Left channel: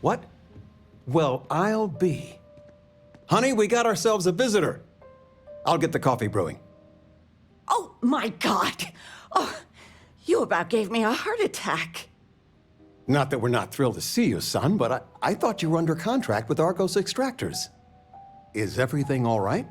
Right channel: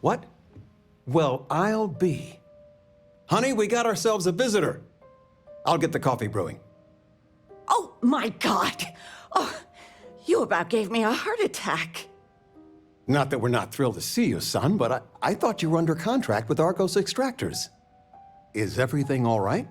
What? Well, I'll be. Honey, we got ourselves a visitor. I'll get the coffee brewing. Oh, my God. Oh, you about gave me a heart attack. Not that we're not thrilled to see you, son, but I thought you were under contract with Argos Extractors. Is everything all right?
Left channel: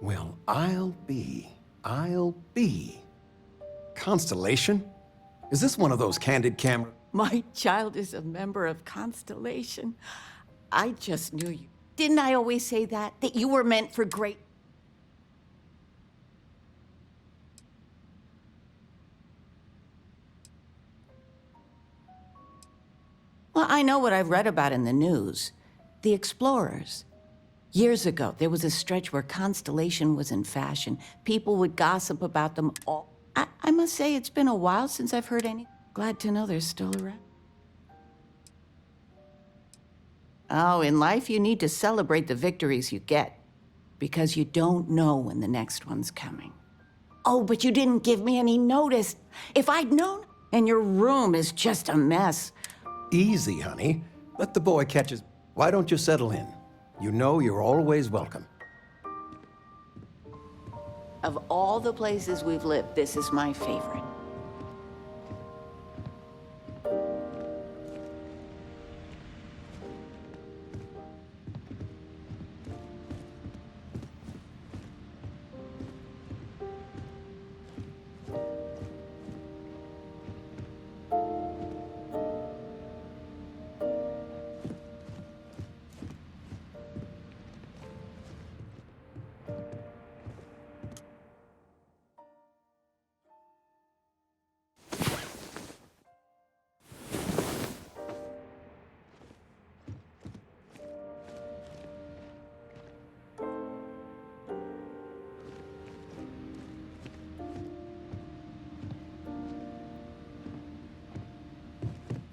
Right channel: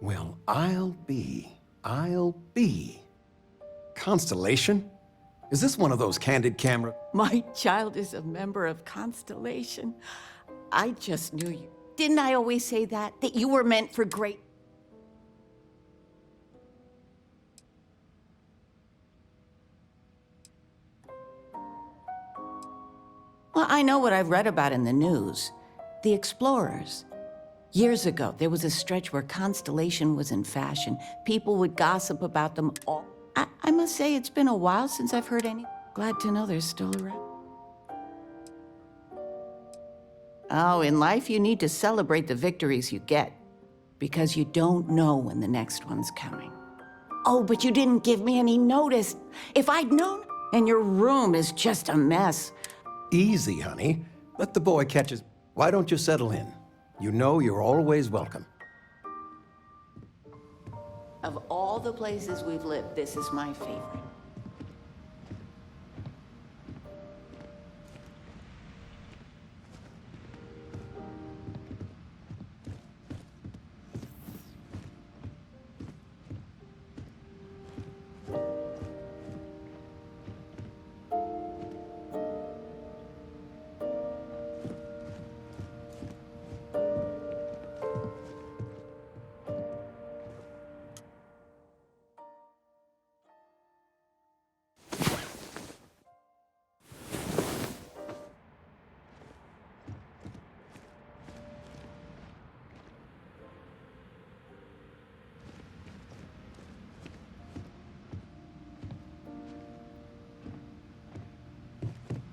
Well, I'll be. Constellation? Is this one of those candid camera? My child is a member of Constellation. I just knew you. Didn't I always say that? That you were meant for great... Well, I know what I've read about in the news. The explorers. Years ago, there was a stretch where Constellation was in fashion. People would gossip about them all. I must say, it's been a while since I've heard any. Glad to know they're still around. Oh, in life, you need to celebrate the victories you get, because you don't know when the next one's coming. Oh, but you didn't give me any notice. If I'd known, and your room is just a mess. Easy, honey. Let the boy catch his... Why don't you settle in? You know you're always welcome. Of all the places we've lived, this is my favorite.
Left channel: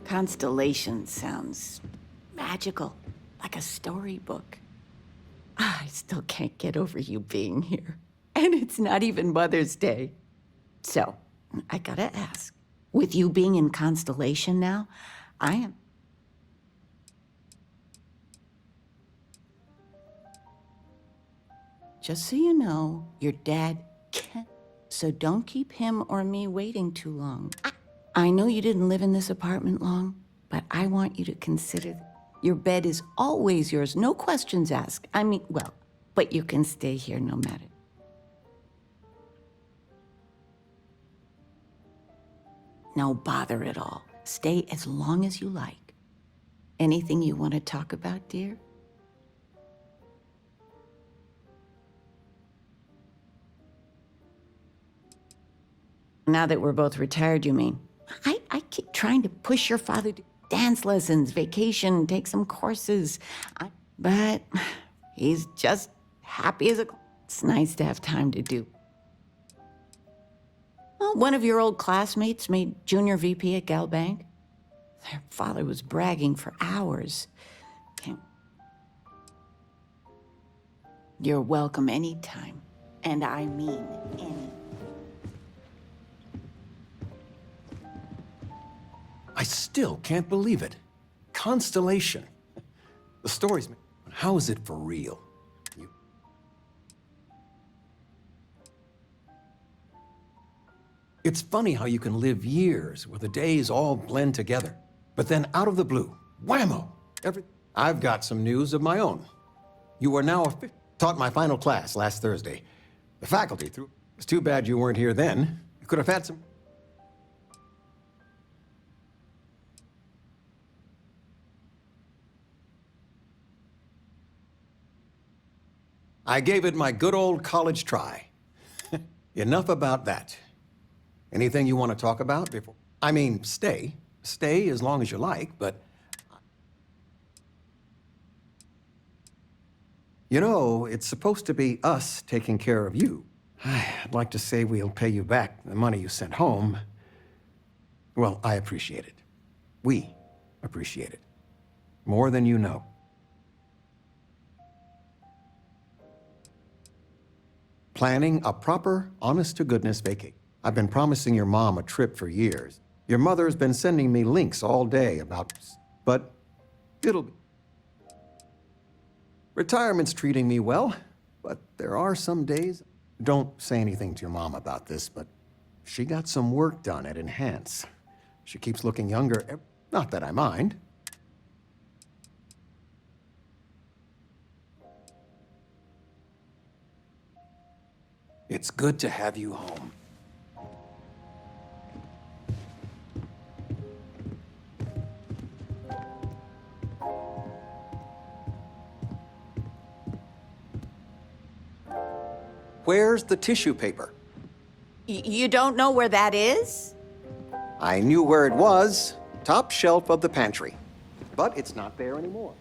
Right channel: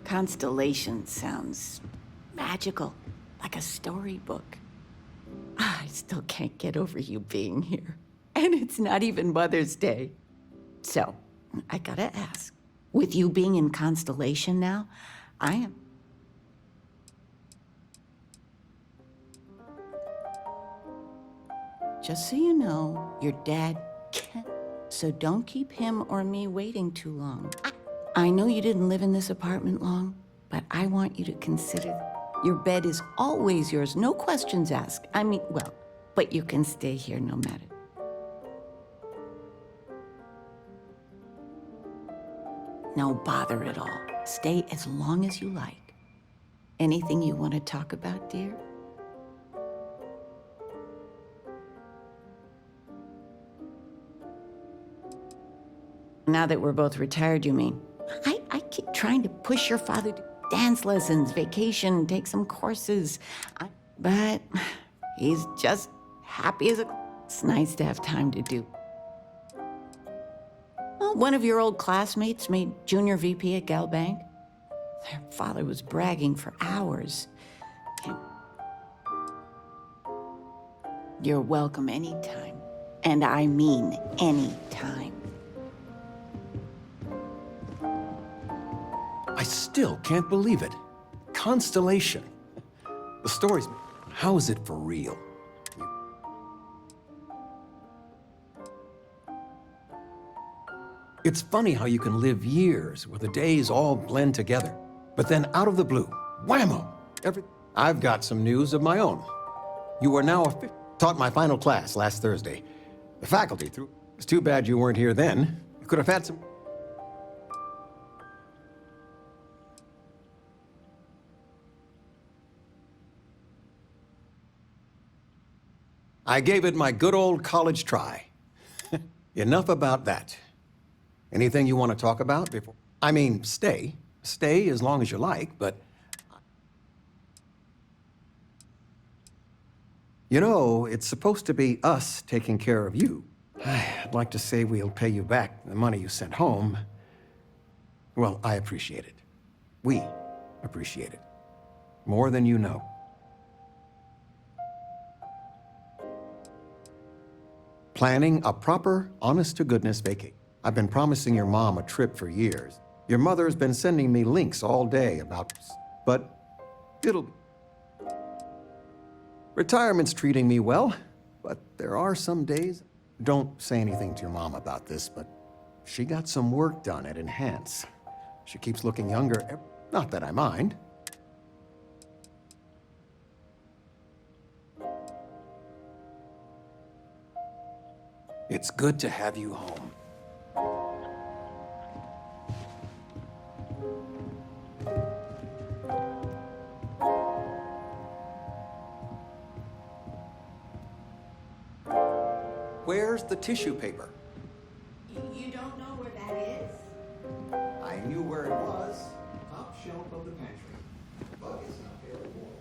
Constellation sounds magical, like a storybook. I still can't get over you being here. And it's not even Mother's Day. So, I gotta ask, with you being in Constellation now, I am... Just so you know, your dad can't. So don't keep him or me waiting too long. I know you didn't live in this apartment long, but I want you to consider your bed is always yours, no questions asked. I mean, well, but you can stay here no matter. No bother at all. Stay as long as you like. Anything you want to talk about, dear? Now that we're both retired, you mean? I keep trying to push your father to dance lessons, vacation, take some courses. But he's just happy as a... It's nice to have time to do. Well, one of your old classmates made junior VP at Gal Bank. Their father was bragging for hours. You're welcome anytime. And I mean anytime. I still can't believe it. Constellation. The story's... How is it for real? It's funny how you can live years where the days all blend together. But then out of the blue, whammo! I've got some news of my own. You are now taught my final class last Thursday. The faculty threw... It's too bad you weren't here then. You could have had some... I gave it my good old college try. Enough about that. Anything you want to talk about before? I mean, stay. Stay as long as you like, but... You know, it's supposed to be us taking care of you. I'd like to say we'll pay you back the money you sent home. Well, I appreciate it. We appreciate it. More than you know. Planning a proper, honest-to-goodness vacation. I've been promising your mom a trip for years. Your mother's been sending me links all day about... But it'll be... Retirement's treating me well, but there are some days... Don't say anything to your mom about this, but she got some work done at Enhance. She keeps looking younger. Not that I mind. It's good to have you home. Where's the tissue paper? You don't know where that is? I knew where it was. Top shelf of the pantry. But it's not there anymore.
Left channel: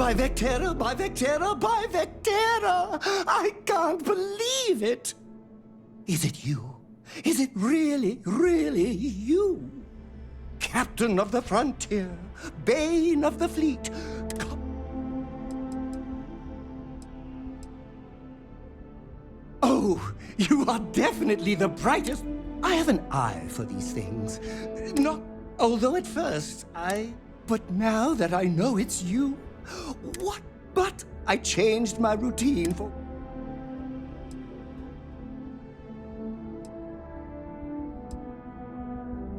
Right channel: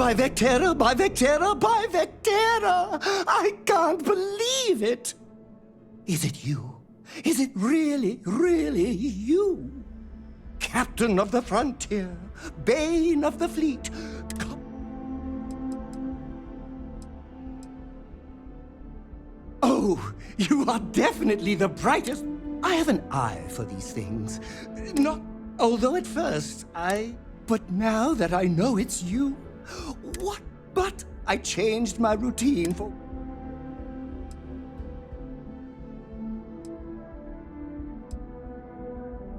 By Vectera, by Vectera, by Vectera! I can't believe it! Is it you? Is it really, really you? Captain of the frontier, bane of the fleet. Oh, you are definitely the brightest. I have an eye for these things. Not, although at first but now that I know it's you, what? But I changed my routine for...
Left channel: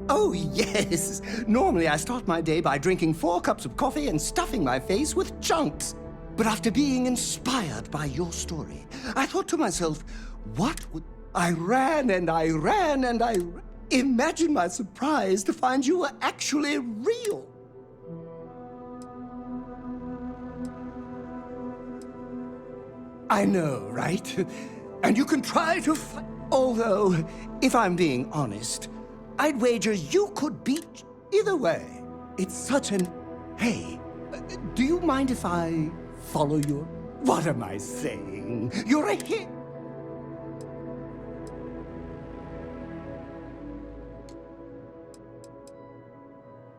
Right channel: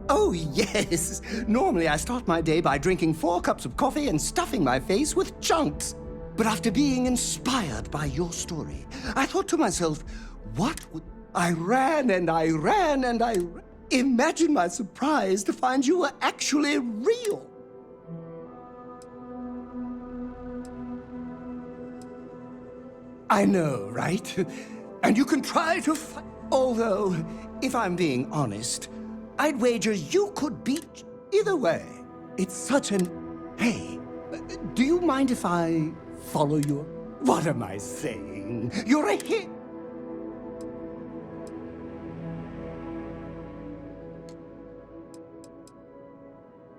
Oh, yes. Normally I start my day by drinking 4 cups of coffee and stuffing my face with chunks. But after being inspired by your story, I thought to myself, what would... I ran and I ran and I ran. Imagine my surprise to find you were actually real. I know, right? And you can try to fight. Although, if I'm being honest, I'd wager you could beat either way. It's such an... Hey, do you mind if I follow your... What am I saying? You're a hit.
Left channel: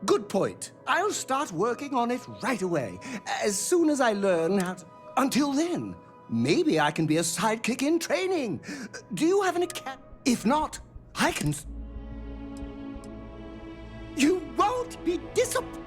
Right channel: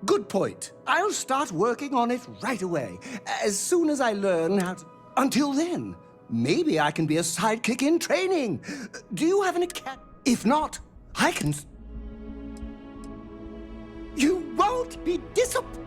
Good point. I'll start working on it right away, as soon as I learn how to... Until then, maybe I can be a sidekick in training. Do you have any cat? If not, I can... You won't be disappointed.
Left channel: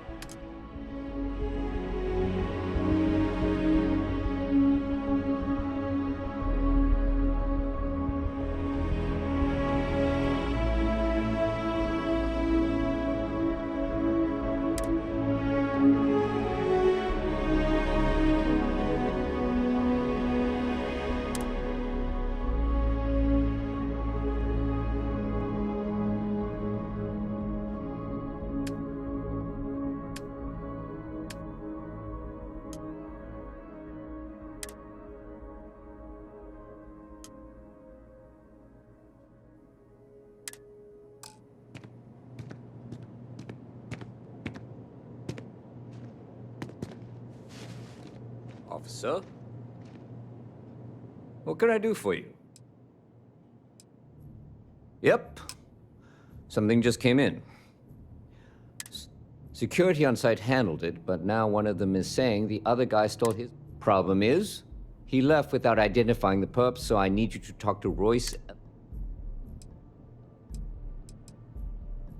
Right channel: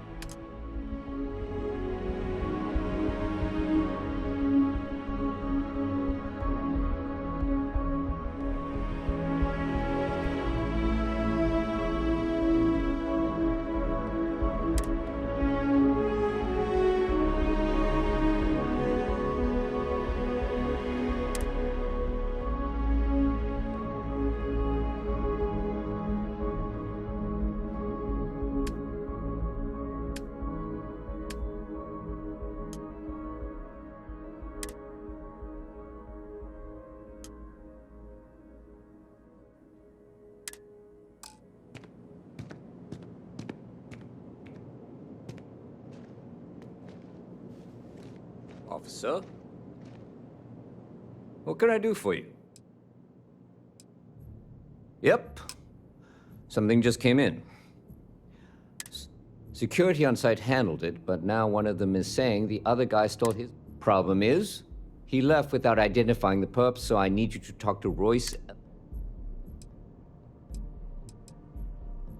Officer? What can I do for you? Yep. Something just came in. Security on site handled it, but now one of them is saying the other guy stole his. Problem is, he left without identifying the perp, so I need you to talk to Royce.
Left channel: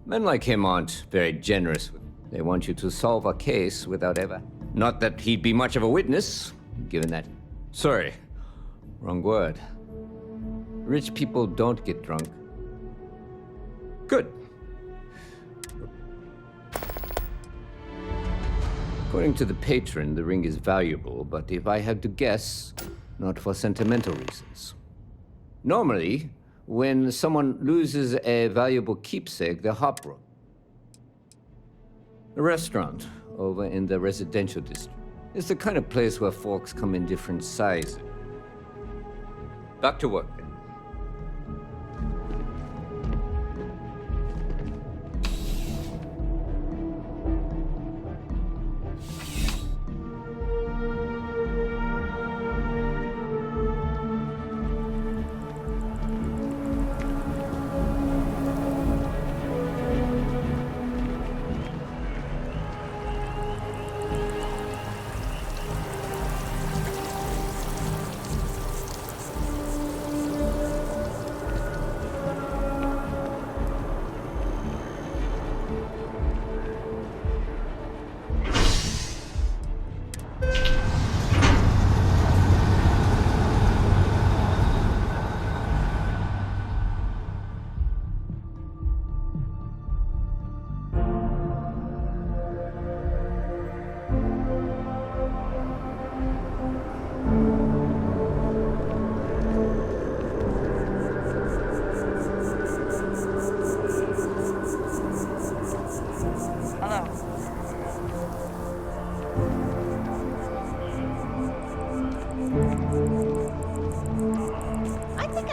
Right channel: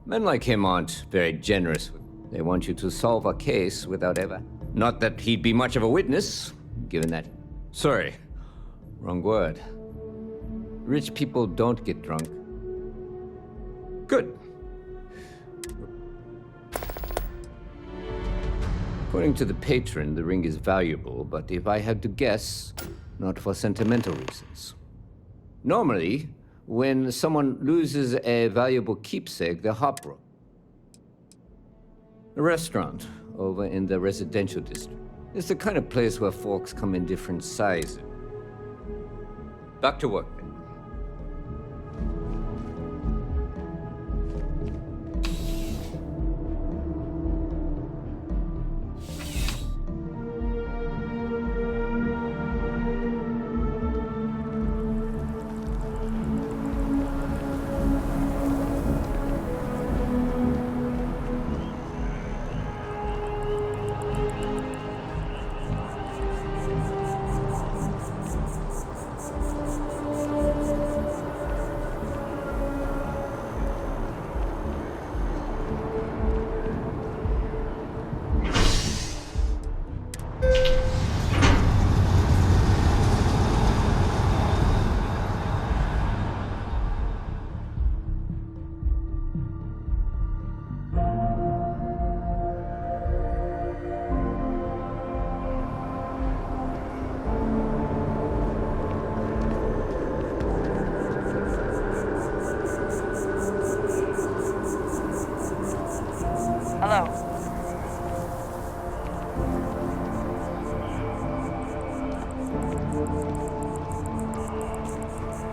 Men like him aren't very generous. They want you to solve a case without ever... Not that he'd be much of a witness, given that... Sorry, wrong word. Rich people don't get drunk. Good. According to the patron, the ring is valuable, but if I had to guess, not for sentimental reasons. Normally, when someone loses a valuable keepsake, they're heartbroken. A restaurant over in the residential district. It's the kind of place where folks come in different sizes. Back to work, then.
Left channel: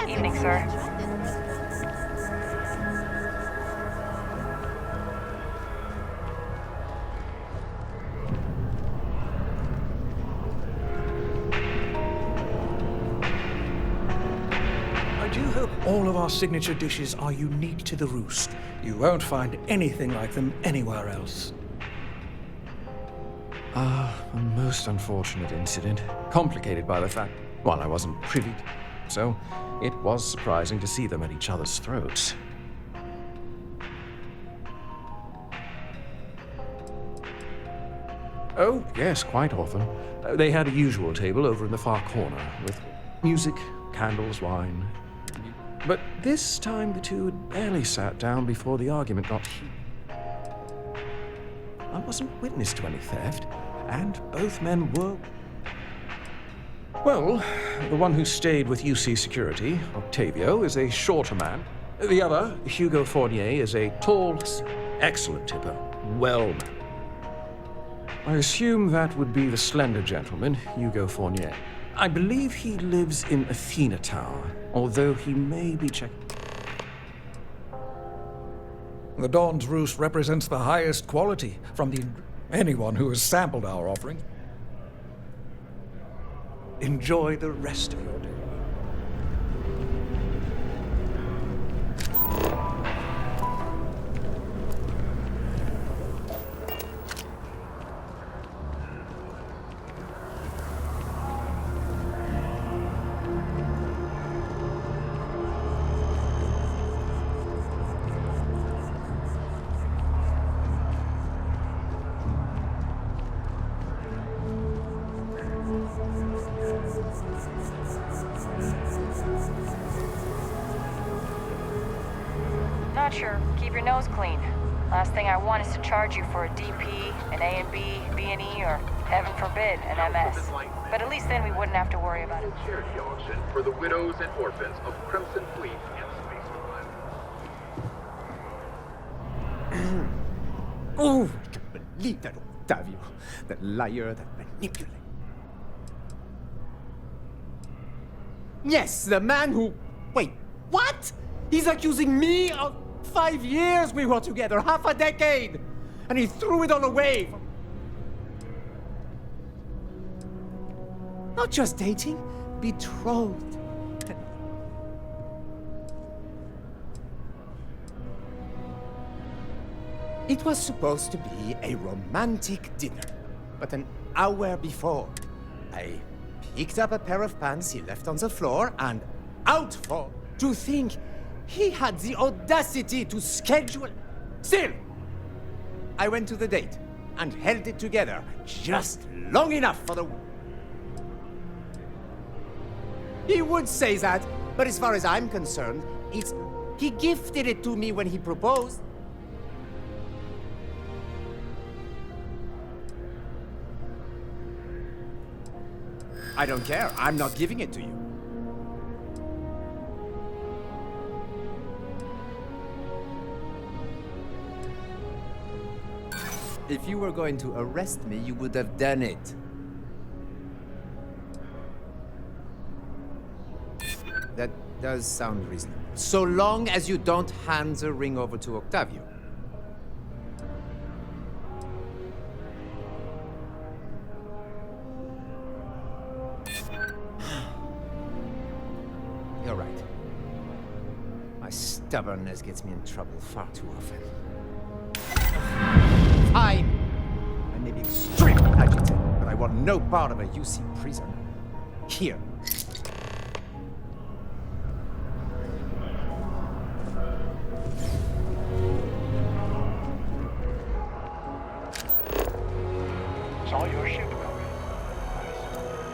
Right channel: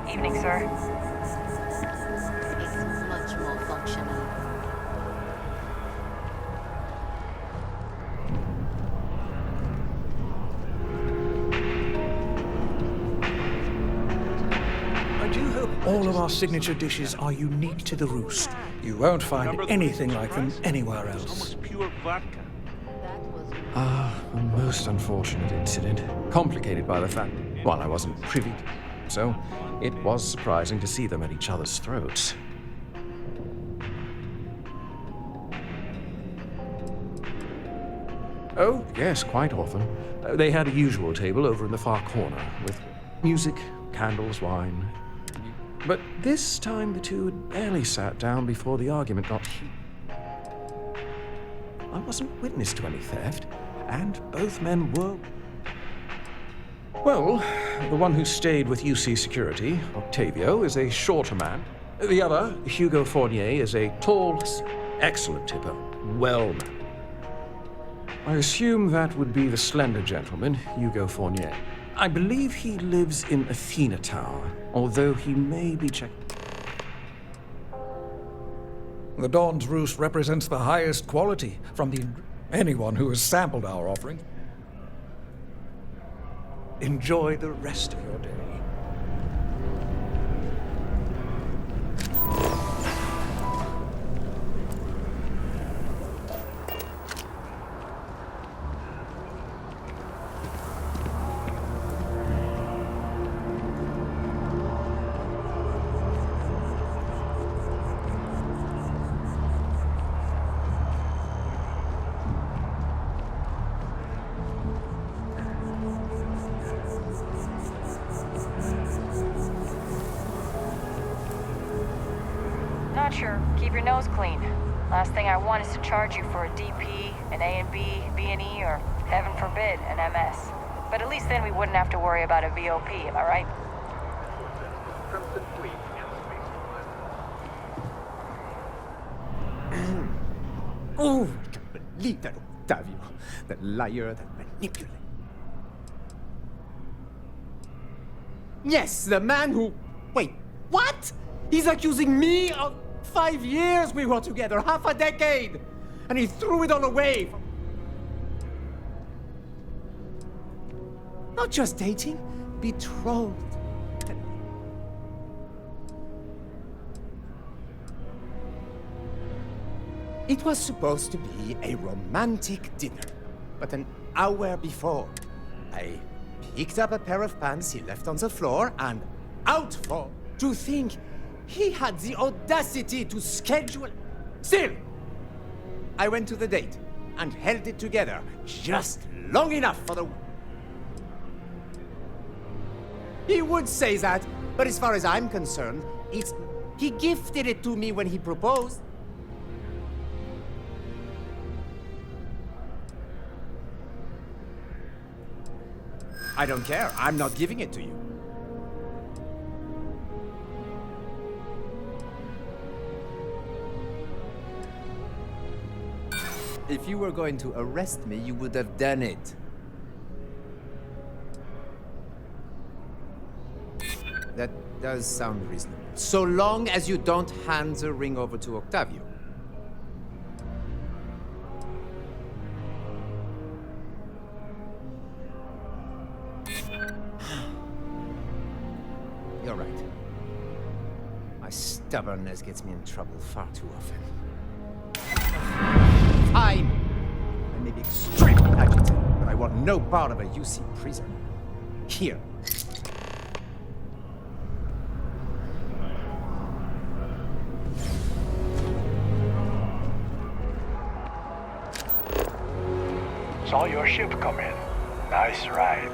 Evening, sir. do hope all of our signature dishes are unique to the Roost. You won't find anything like them anywhere else. A most unfortunate incident, complicated by the fact, well, I wasn't privy to, so it was surprising to see them at each other's throats. Oh, yes, quite often. They had a usual table over in the far corner, with music, candles, wine. But this time the two had barely sat down before the argument got heated. I wasn't witness to any theft, and both men were... Well, the one who stayed with UC Security, Octavio, is a shorter man. The other, Hugo Fournier, is a tall, excellent tipper, well-mannered. I assume that would be the slender gentleman, Hugo Fournier. I believe he lives in Athena Tower, although he may be checking... The Dawn's Roost represents the highest quality from anyone who has sampled our offering. Enjoy the rest of your day. Not sure. Keep your nose clean. Last thing I want is to charge you for a DP, an A and B, B&E, or heaven forbid, an MS. But at least then we wouldn't have to worry about a VOP, all right? For the widows and orphans of Crimson Fleet and Space Force. Oh, I can't believe that Octavio, that liar, that manipulator. Yes, the man who... Wait, what? He's accusing me of 5 years we were together, half a decade! And he threw it all away. Not just dating, betrothed. It was supposed to be a romantic dinner, but an hour before, I picked up a pair of pants he left on the floor and out for... To think he had the audacity to schedule... Still, I went to the date and held it together just long enough for the... He would say that, but as far as I'm concerned, it's... He gifted it to me when he proposed. I don't care. I'm not giving it to you. If you were going to arrest me, you would have done it. That does sound reasonable. So long as you don't hand the ring over to Octavio. You're right. My stubbornness gets me in trouble far too often. Fine! I may be extremely agitated, but I want no part of a UC prison. Here. Saw your ship come in. Nice ride.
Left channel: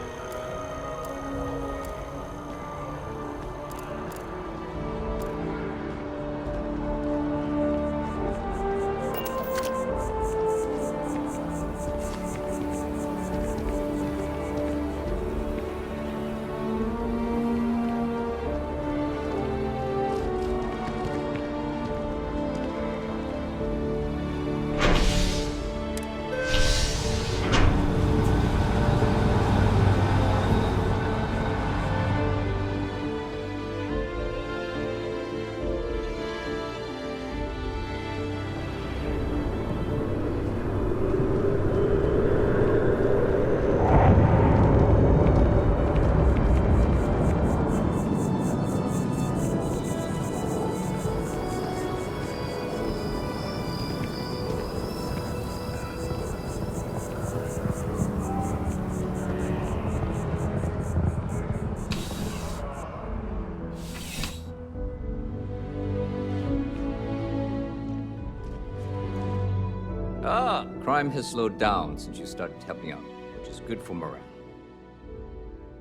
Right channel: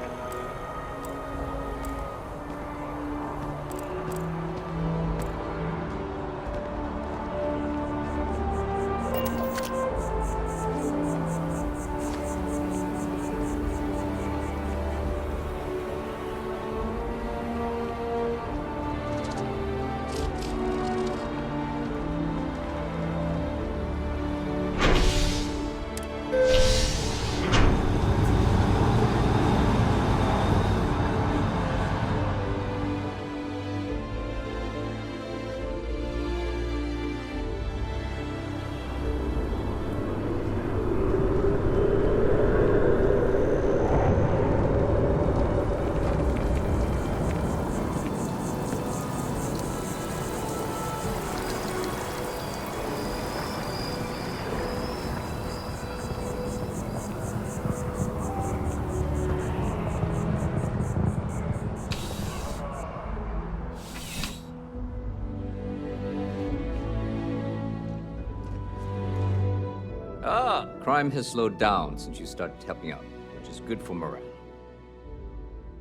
Crime has slowed down since you started helping out, which is good for morale.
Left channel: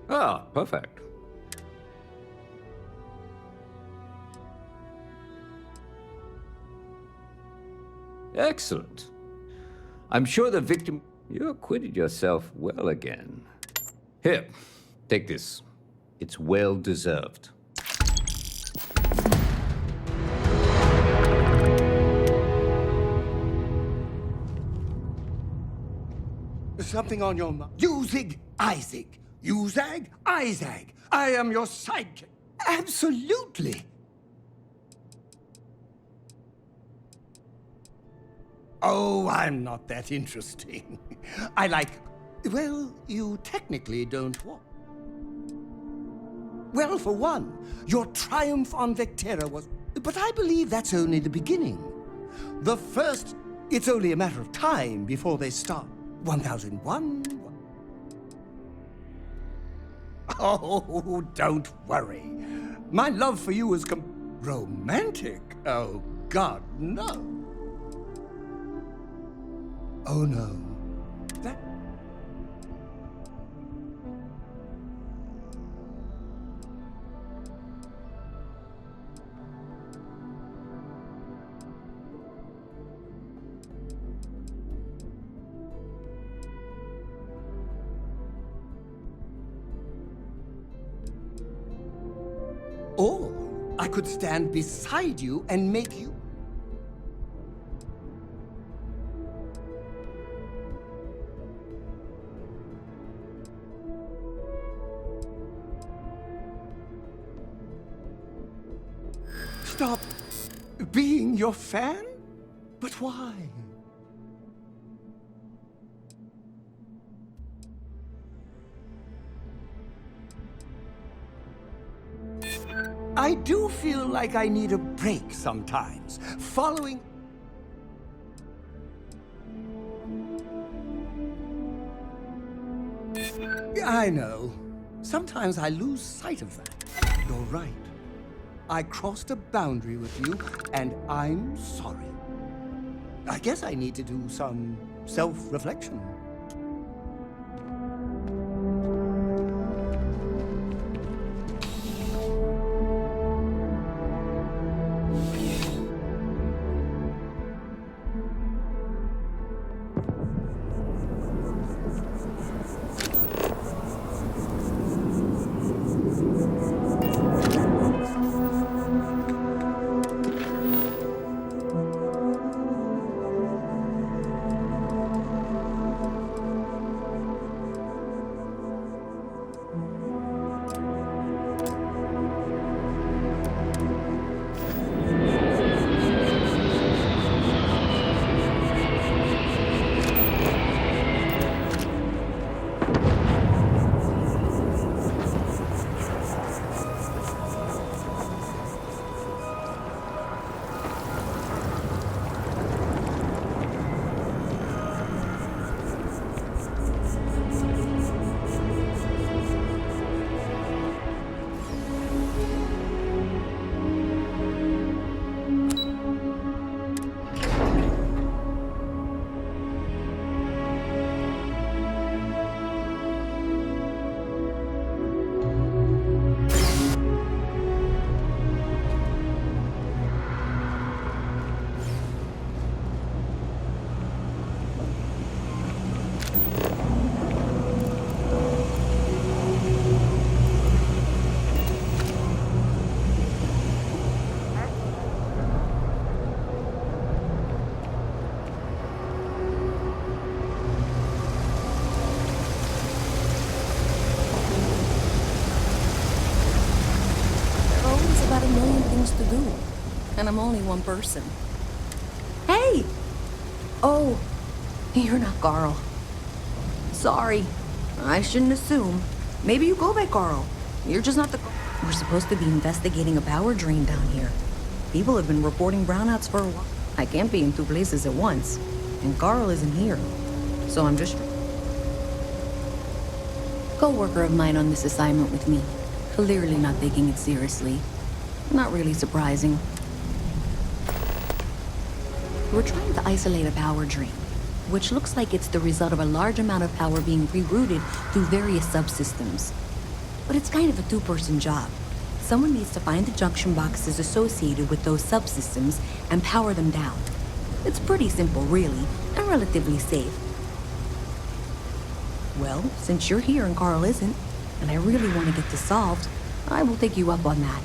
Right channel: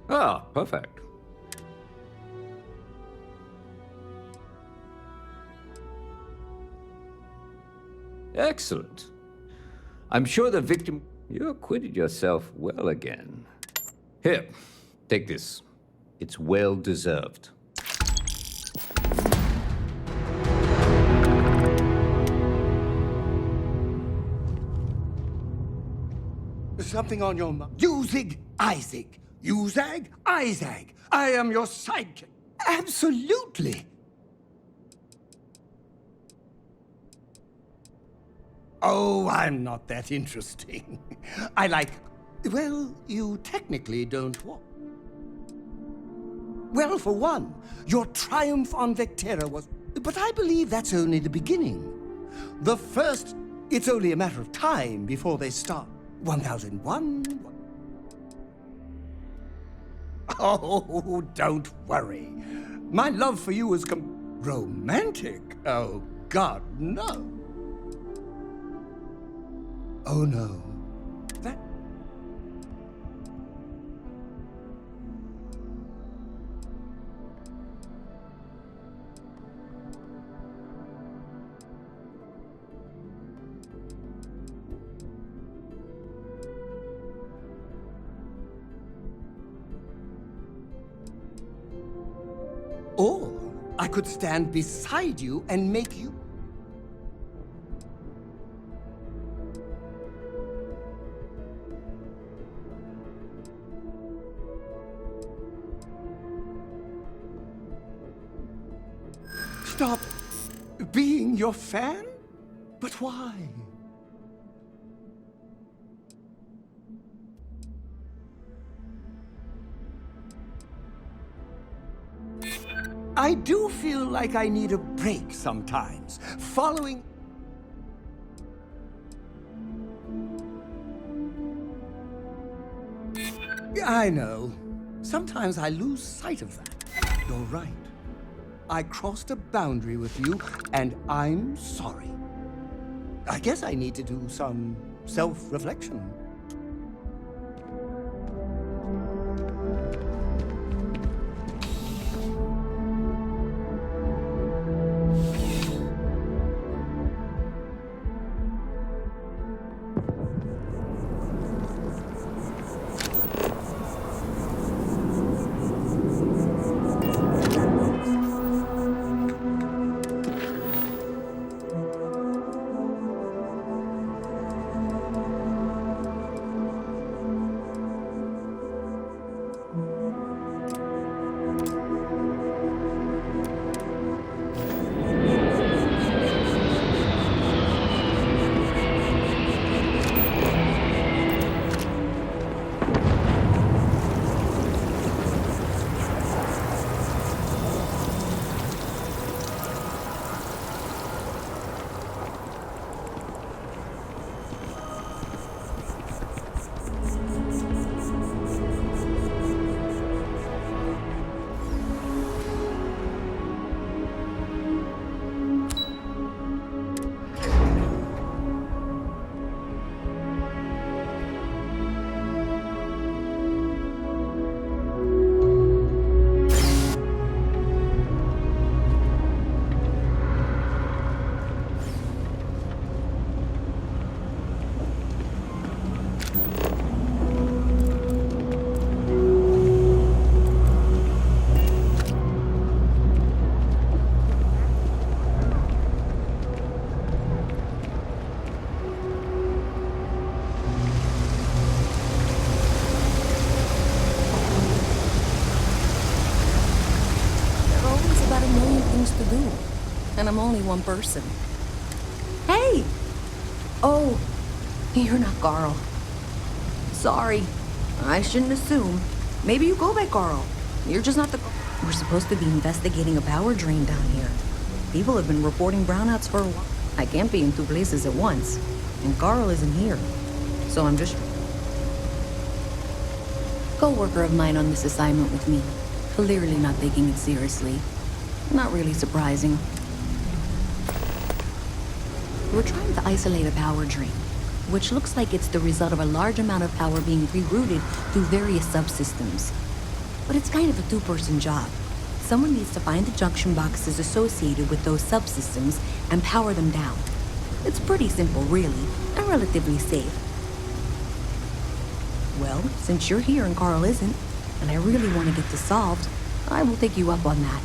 Ah, perfect. Excellent. I'm sure the victim... You acquitted yourself well again. Here, take this. It's well deserved. Something on your mind. Usig, Isaac. Uzag, Isaac. I am your sidekick. Absolutely. Oh, I'm not that interesting. I like... Well, you technically don't walk. Well, for one, your triumph on Vectera was... But I believe that's only the beginning. The first... It's only a matter of time before they start. 1001... Oh, don't worry. My love for you is romantic? Oh, God, no. Oh, no. That... Or I could stand beside you and make you... Stop being your fan? But why? I do feel like I need a break sometimes. Following... I know. Sometimes I lose sight of that. You're right. I crossed a boundary with you, and I'm sorry. I guess I need to do some self-reflection. To do, and I'm only one person. Hey! Oh, you're not Carl. Sorry, I shouldn't assume. Maybe you go by Carl. You're just not the... We're supposed to be investigating a power drain down here. People have been reporting brownouts for a while. I can't be in two places at once, and Carl isn't here. So I'm just... Co-worker of mine on this assignment with me. Clearly not taking it seriously. Not really surprising. We're trying to isolate a power drain. which looks like it's the result of a large amount of power being rerouted through various subsystems. But it's kind of a two-person job. Someone needs to find the junction boxes associated with those subsystems and power them down. It's pretty simple, really, and relatively safe. Well, since you're here and Carl isn't, and I really want to get this solved, I will take you up on that.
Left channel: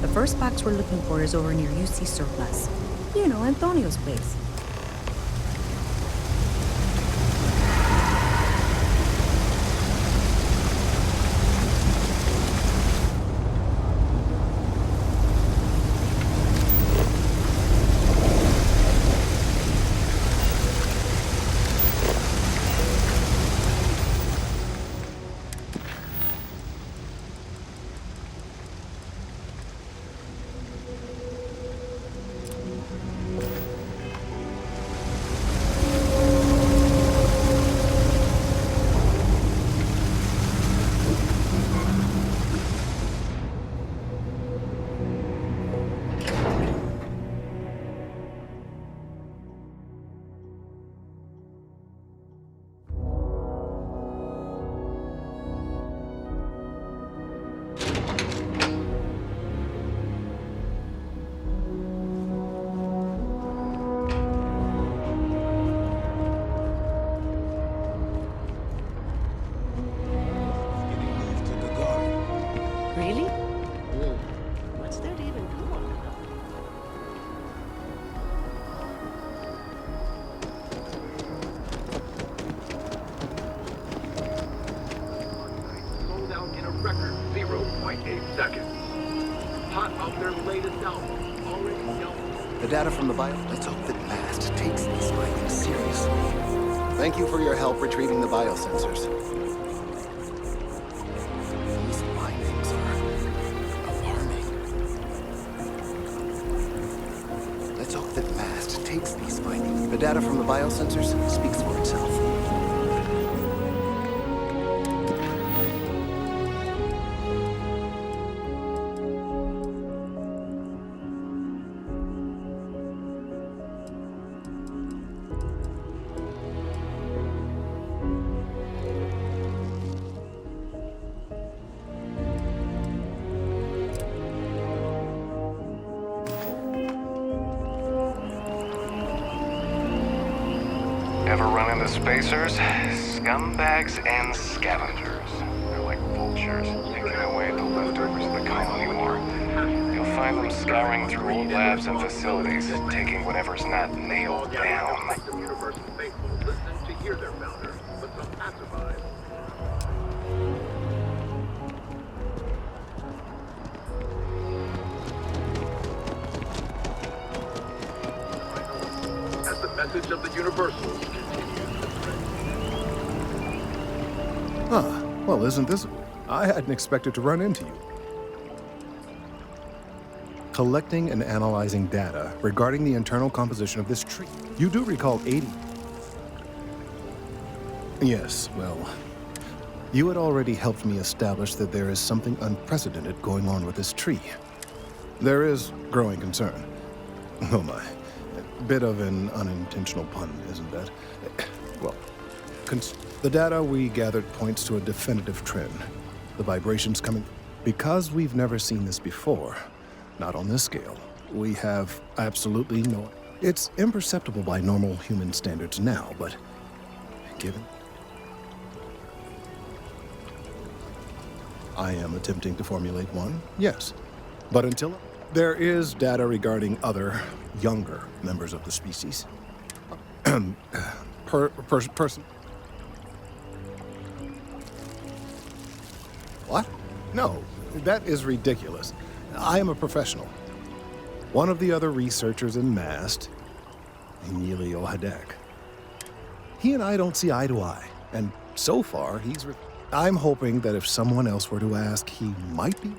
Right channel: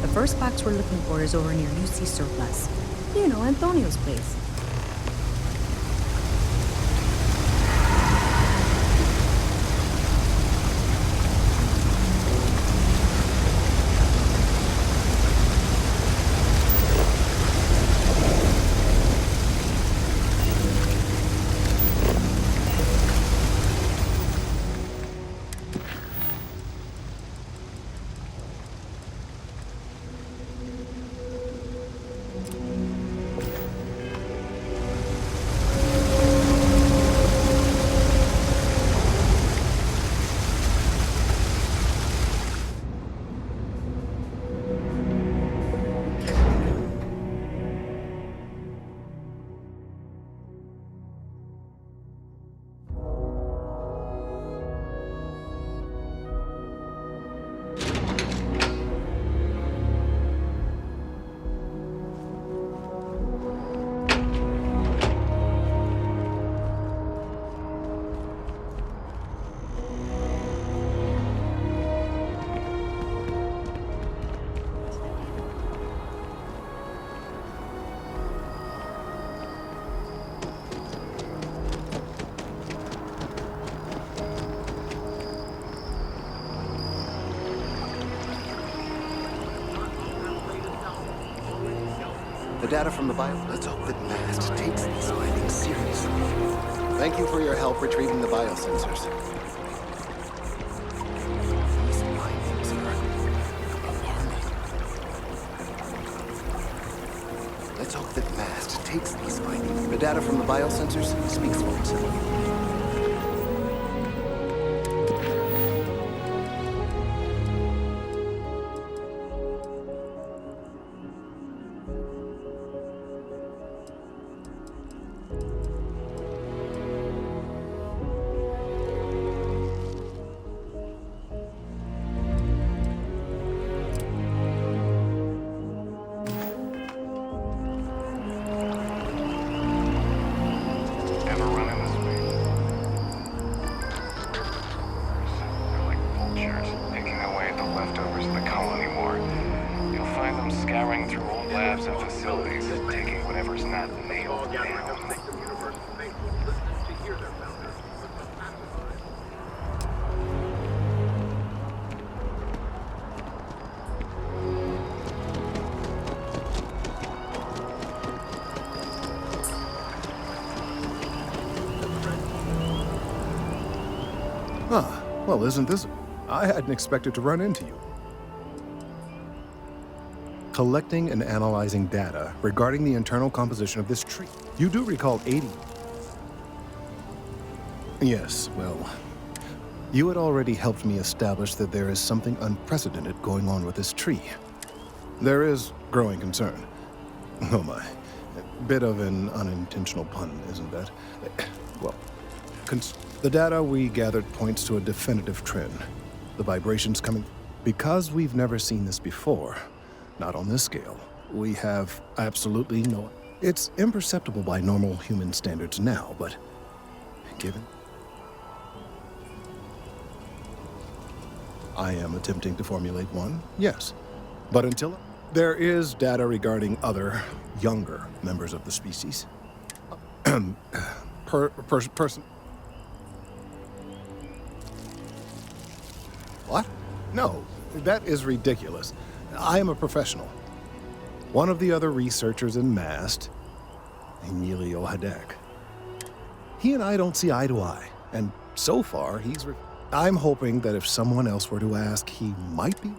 The first box we're looking for is over near UC Surplus. You know, Antonio's place. The data from the bio... Let's hope that MAST takes these findings seriously. Thank you for your help retrieving the biosensors. These findings are alarming. Let's hope that MAST takes these findings. The data from the biosensors speaks for itself. Ever run into spacers? Scumbags and scavengers. They're like vultures, picking away at the leftovers of the colony war. You'll find them scouring through old labs and facilities, taking whatever's not nailed down. Huh. Well, isn't this... I hadn't expected to run into you. Collecting and analyzing data regarding the internal composition of this tree. You do recall 80... Yes, well... You had already helped me establish that there is something unprecedented going on with this tree. There is growing concern. Oh my. A bit of an unintentional pun, isn't that? Well, the data we gathered points to a definitive trend. The vibrations coming... Because we've never seen this before, not on this scale, we have absolutely no... It's imperceptible by normal human standards now, but given... I am attempting to formulate one, yes. But until... There is data regarding other, younger members of the species. Person... What? No, that is ridiculous. I am a professional. One of the other researchers in MAST, Inicio Hadek. He and I don't see eye to eye, and so far he's... I'm hoping that if someone else were to ask, he might be.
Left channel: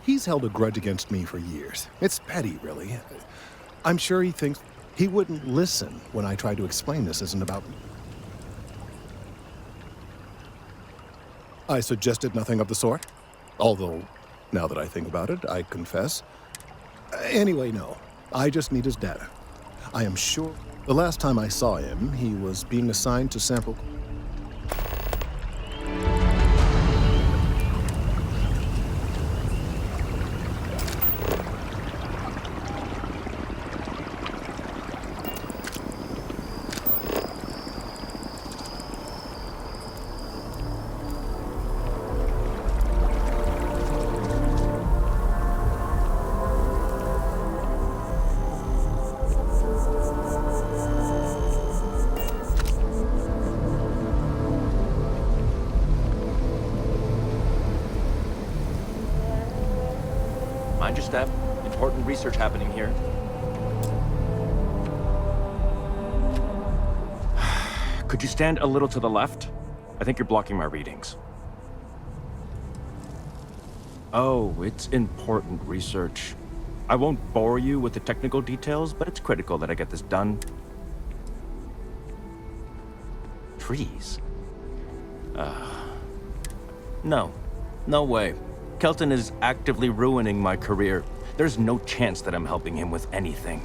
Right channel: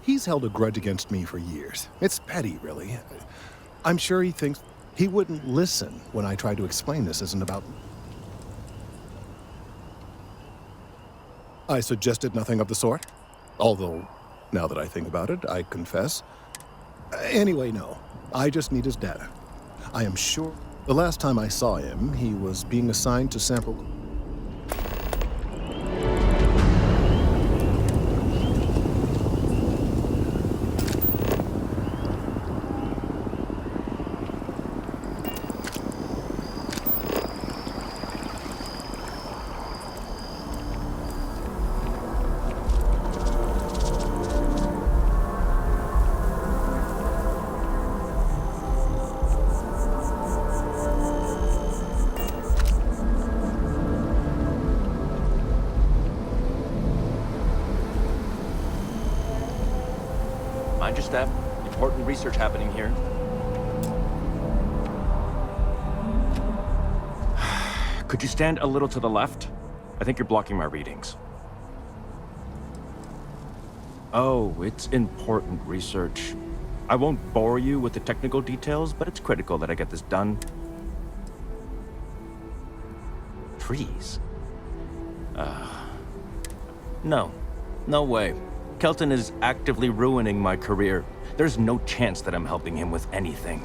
He's held a grudge against me for years. It's petty, really. I'm sure he thinks he wouldn't listen when I tried to explain this isn't about... I suggested nothing of the sort, although Now that I think about it, I confess. Anyway, no. I just need his data. I am sure the last time I saw him, he was being assigned to sample... Mind your step. Important research happening here. Could you stand a little to the left? I think you're blocking my readings. Oh, it's important research. I won't bore you with the technical details, but it's critical that I get this done. Trees? No. No way. Kelton is actively ruining my career. There's no chance that I'm helping him with anything.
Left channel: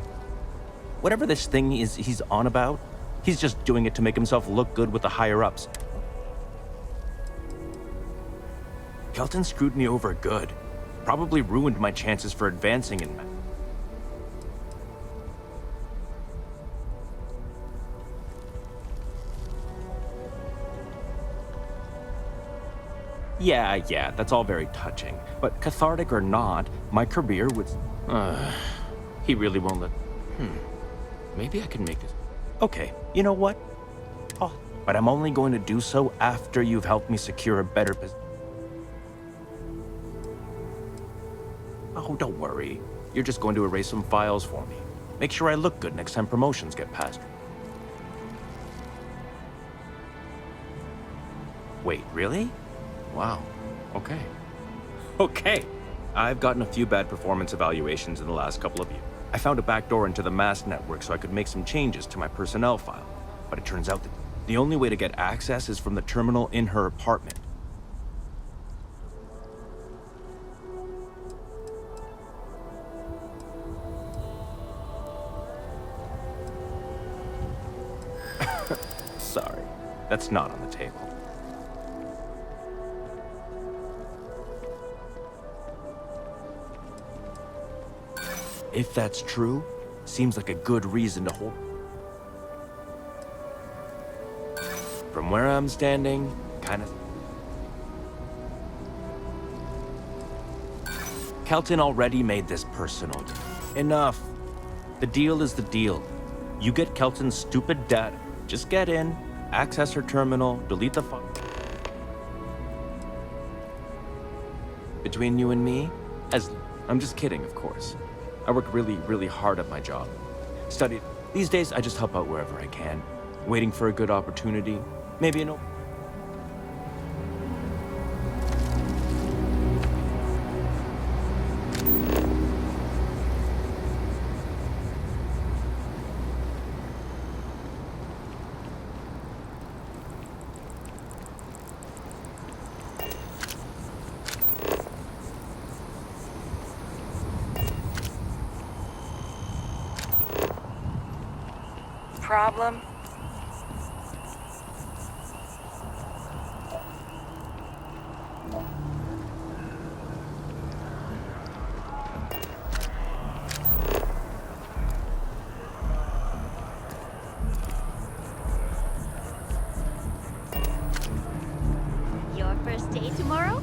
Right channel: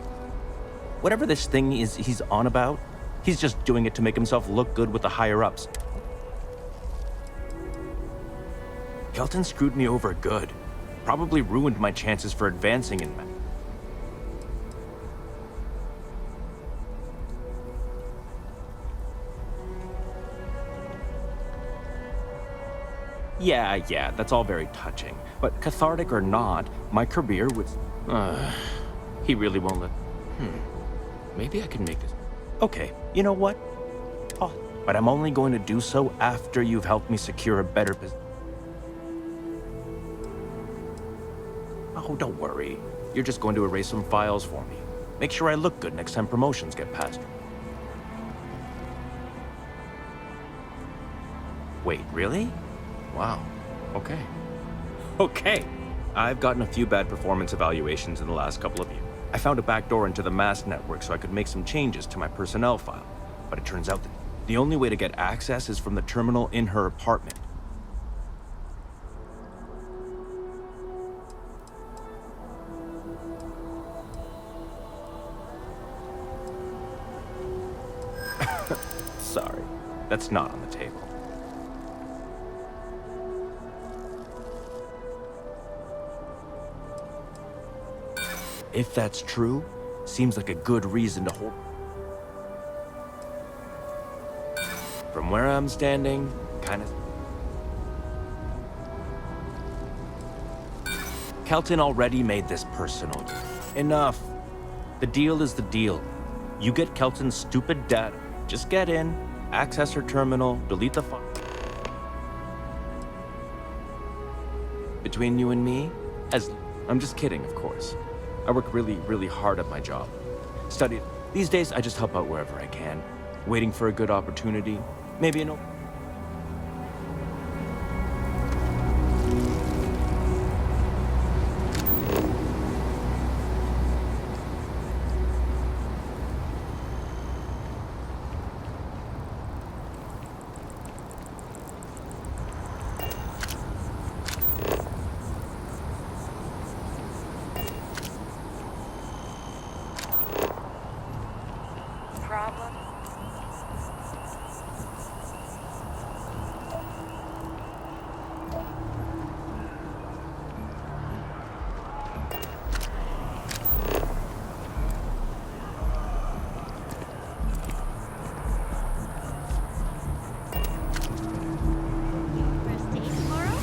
Whatever this thing is he's on about, he's just doing it to make himself look good with the higher-ups. Kelton screwed me over good. Probably ruined my chances for advancing in math. Yeah, that's all very touching. But cathartic or not, my career would... he really won't let... Maybe I can make this... Okay, you know what? Oh, but I'm only going to do so after you've helped me secure a better position. Oh, don't worry. You're just going to erase some files for me. Make sure I look good next time promotions get passed. Wait, really? Wow. Okay. Okay. I've gotten a few bad performance evaluations in the last couple of years. I found a backdoor into the mass network so I could make some changes to my personnel file. But it turns out that the only way to get access is from the terminal in her apartment. Sorry. That's not on the table. If that's true, seems like a good reason to hold. From where I'm standing, kind of... Kelton already made this personal. Enough. The deal is the deal. You get Kelton's stupid data. Just get in, access her terminal, delete the file. Between you and me, I'm just kidding, of course. I work really, really hard at my job. Studied. These days, I just help out wherever I can. Waiting for a good opportunity. Maybe an... Problem? Your first day tomorrow?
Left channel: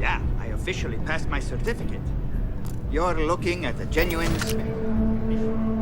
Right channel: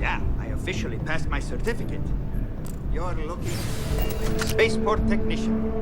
Yeah, I officially passed my certificate. You're looking at a genuine spaceport technician.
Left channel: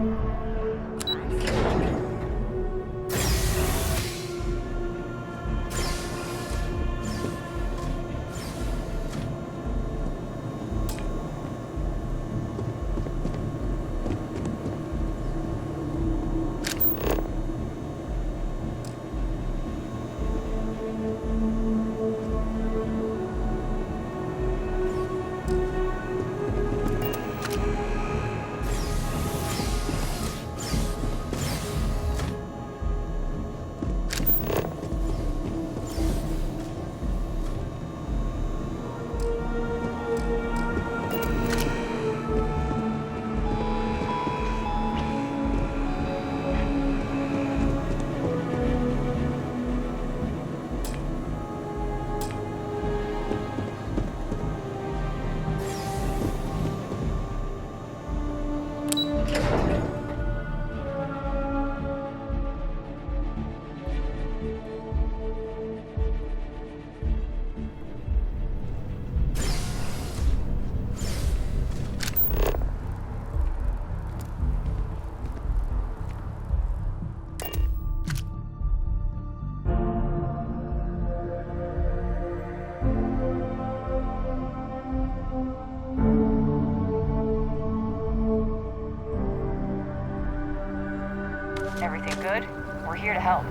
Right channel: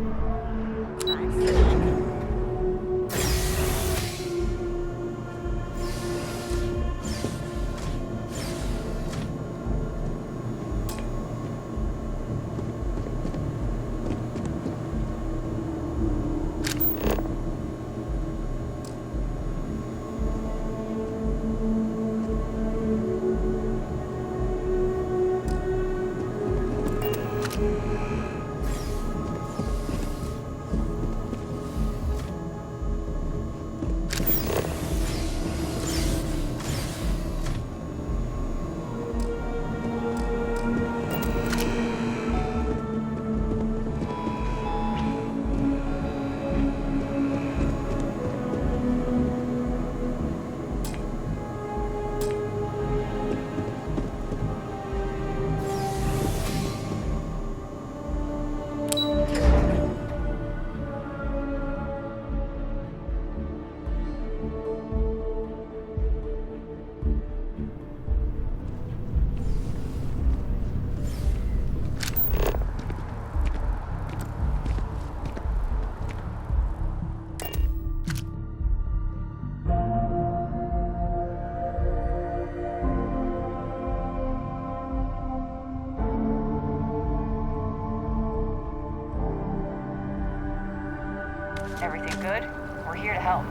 Everything good? We're here to help.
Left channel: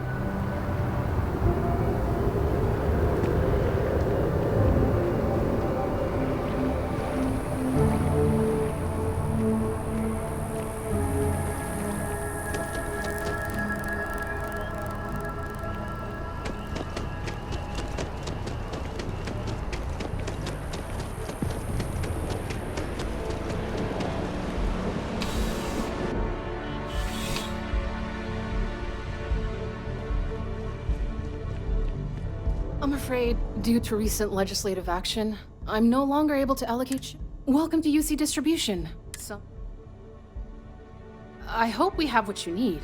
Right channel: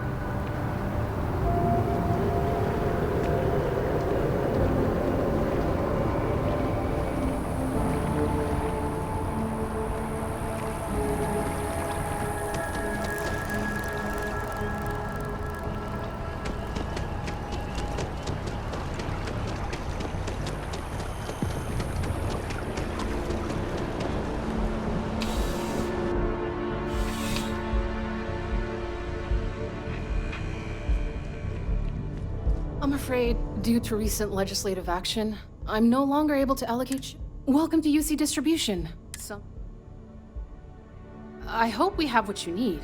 I'm afraid, due to recent legislative action, I'm no longer able to allocate Welcome to UC Distribution. I hope we have what you need.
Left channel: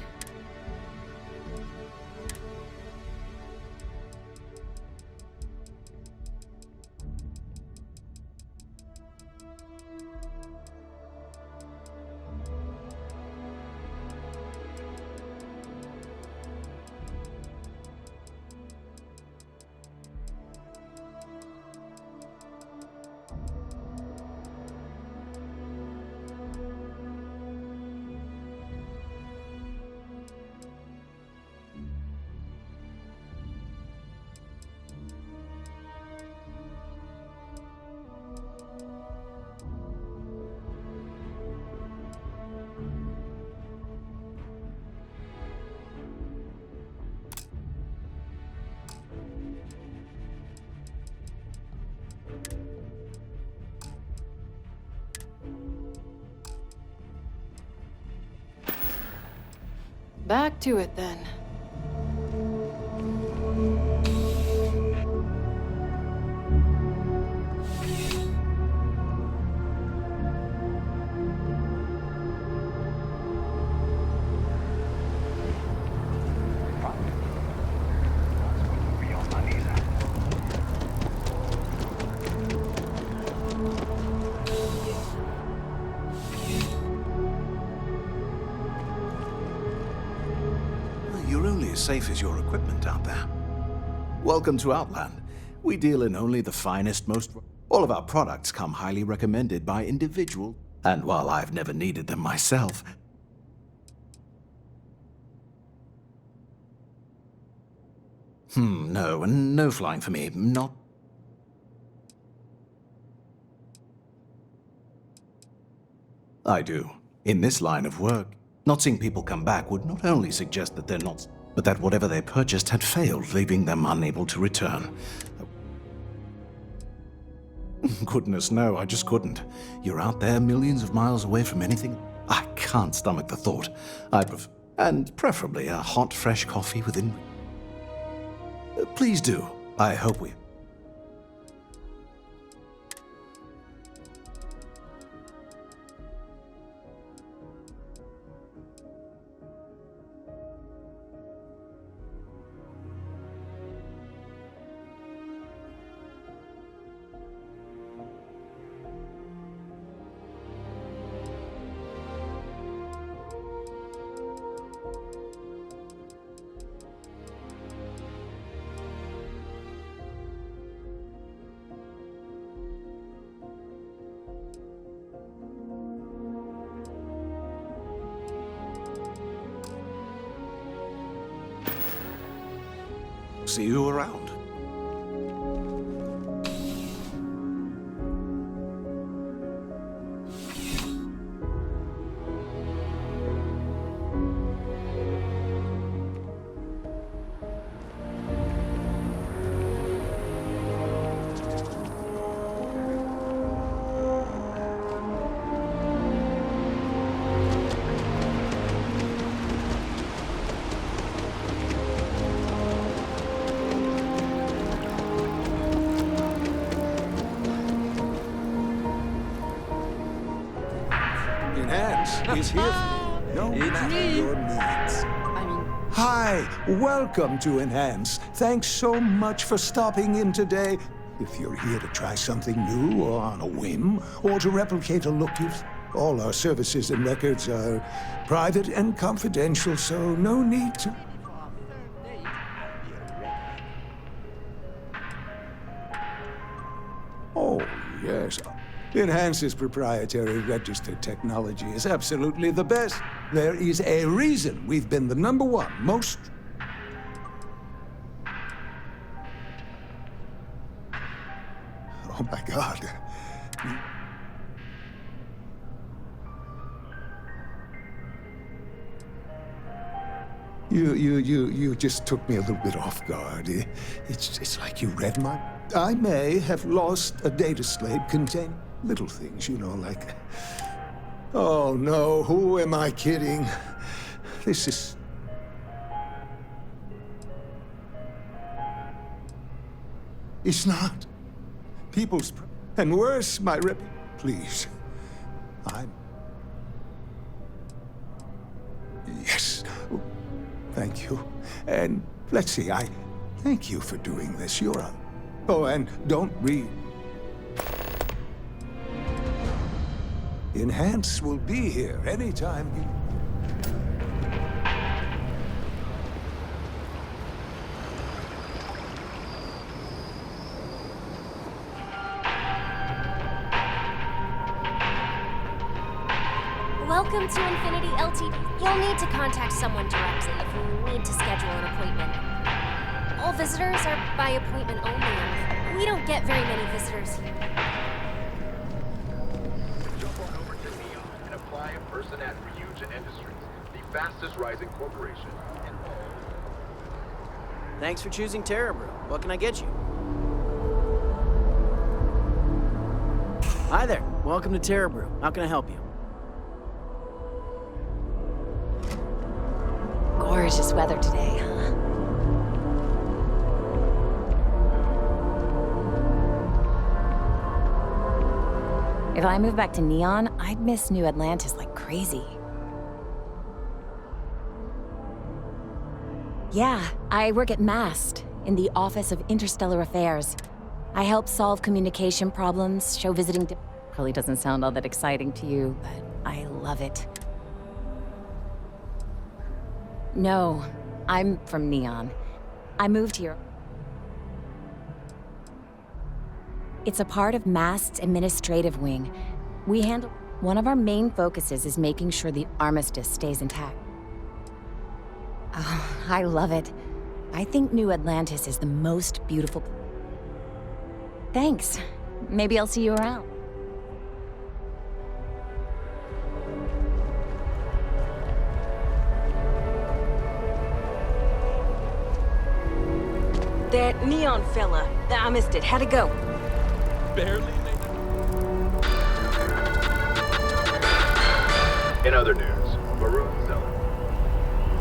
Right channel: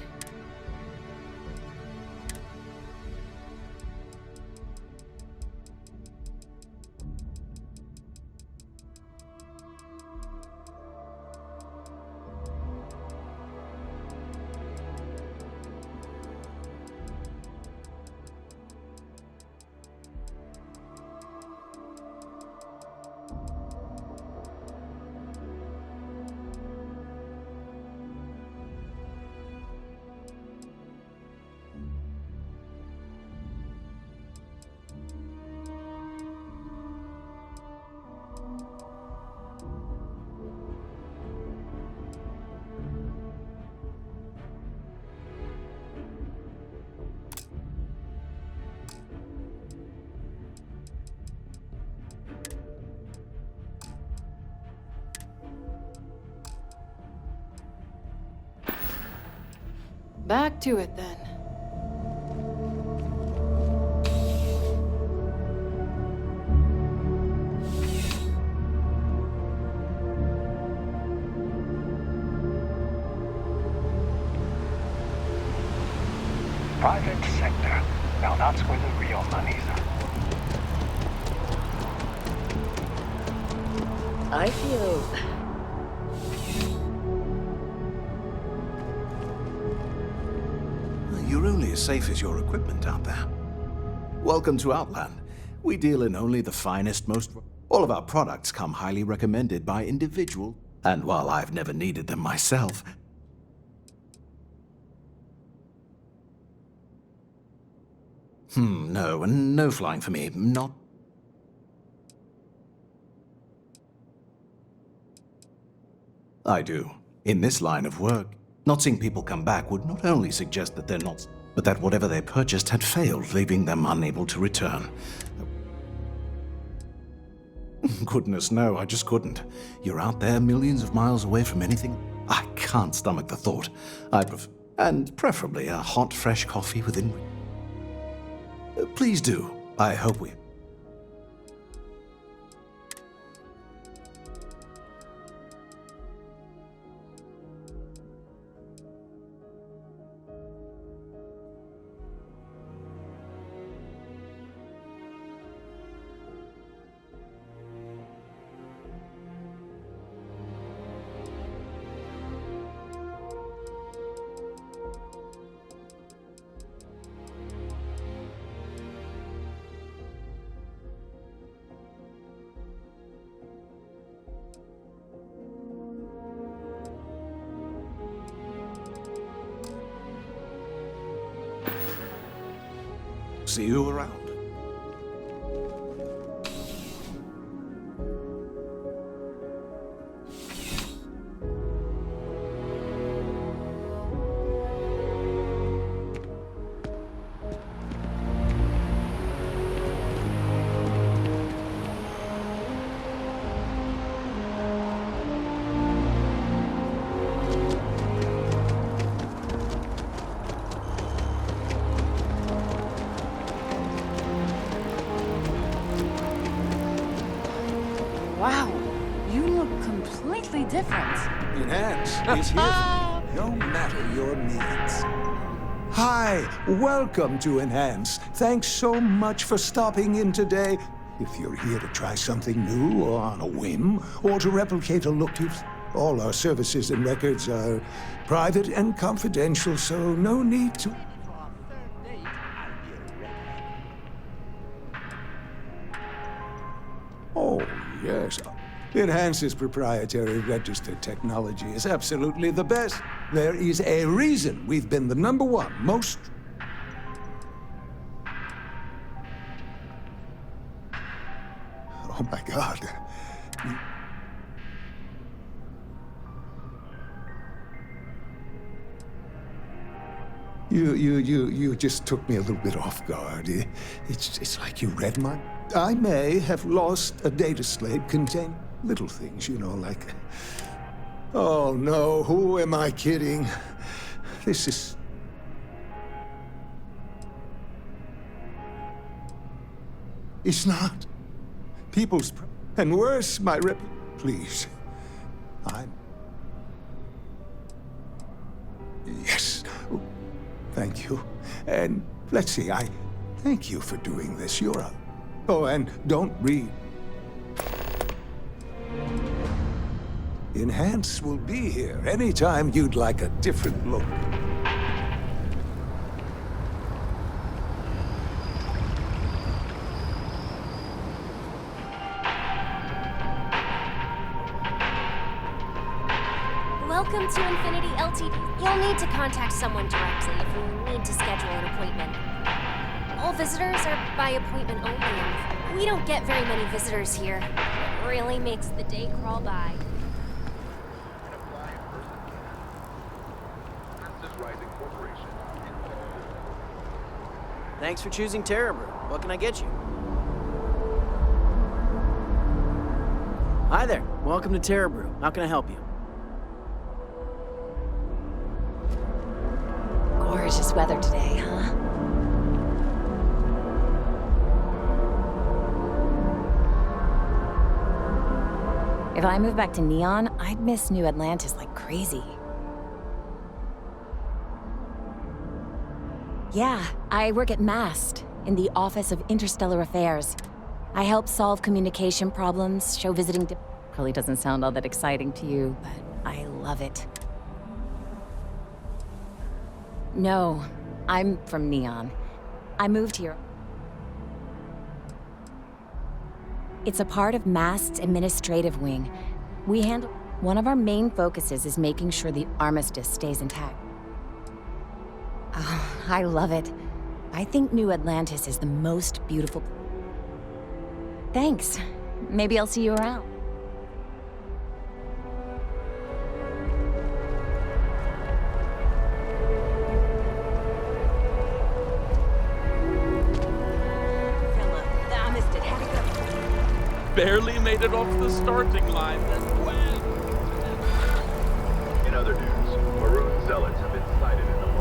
Back to it, then. Private sector. Now that's where the real money's at. I feel... You're only as safe as your equipment out there. Welcome to Outland. We deal in only the finest, most... All of our products come highly recommended by individual. And while I've never needed them myself... No flying for me. Not... I do. In this line of work, not seeing people come back would not only suggest that they're not, but that whatever they purchased had failed, leaving them unable to return. Goodness, no, I just couldn't. You're out there millions of miles away from anything. I can't stomach the thought. And preferably a hot, fresh coffee within... Please do. I hope we... See you around. Is here for you, no matter your needs. Hi, welcome to Enhance. Thanks so much for stopping in today. If you're here to try something new or on a whim, or to replicate a look you've... All our services and records are private and confidential, so no need to... Oh, yes. Enhance's proprietary registered technology is absolutely the best. There is a reason we've been the #1 most... Oh my God. You just took me a little bit off guard. It's like you read my... I may have lost a data slate containing little things, you know, like... Oh no, who am I kidding? This is... It's not. People's... And worse, my rep... Please. I'm... Yes. Thank you. And let's see, I thank you for doing this. You're a... Oh, and don't read. Enhance will be here anytime you'd like a different look. Welcome to Infinity Ltd. You'll need to contact someone directly if you need to schedule an appointment. All visitors are by appointment only, and we don't get very many visitors here. It really makes the day crawl by. And apply a person at huge industry, the fastest rising corporation in all. Thanks for choosing Terrabrew. What can I get you? Hi there. Welcome to Terrabrew. How can I help you? Gorgeous weather today, huh? If I moved back to Neon, I'd miss New Atlantis like crazy. Yeah, I work at MAST, in the Office of Interstellar Affairs. I help solve communication problems, show visiting... Probably doesn't sound all that exciting to you, but I love it. No, I'm from Neon. I moved here. It's a part of MAST's administrative wing. We handle... One of our main focuses is making sure the armistice stays intact. Oh, I love it. I think New Atlantis is the most beautiful... Thanks. Maybe I'll see you around. That Neon fella, I missed it. How'd it go? Barely made it off the starting line. In other news, Maroon Zealots have been sighted in the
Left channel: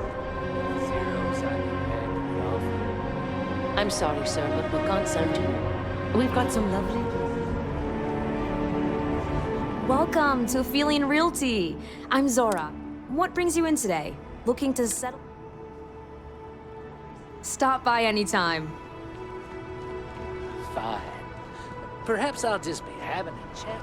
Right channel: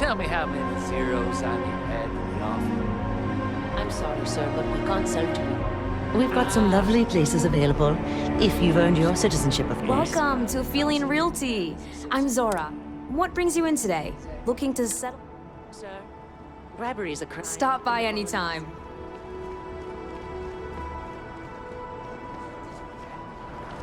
tell me how many zeros I need to add to the offer? I'm sorry, sir, but we can't sell to you. We've got some lovely places available if you've earned your citizenship of course. Welcome to Feeling Realty. I'm Zora. What brings you in today? Looking to settle? Sir, bribery is a crime. Stop by anytime. Fine. Perhaps I'll just be having a chat.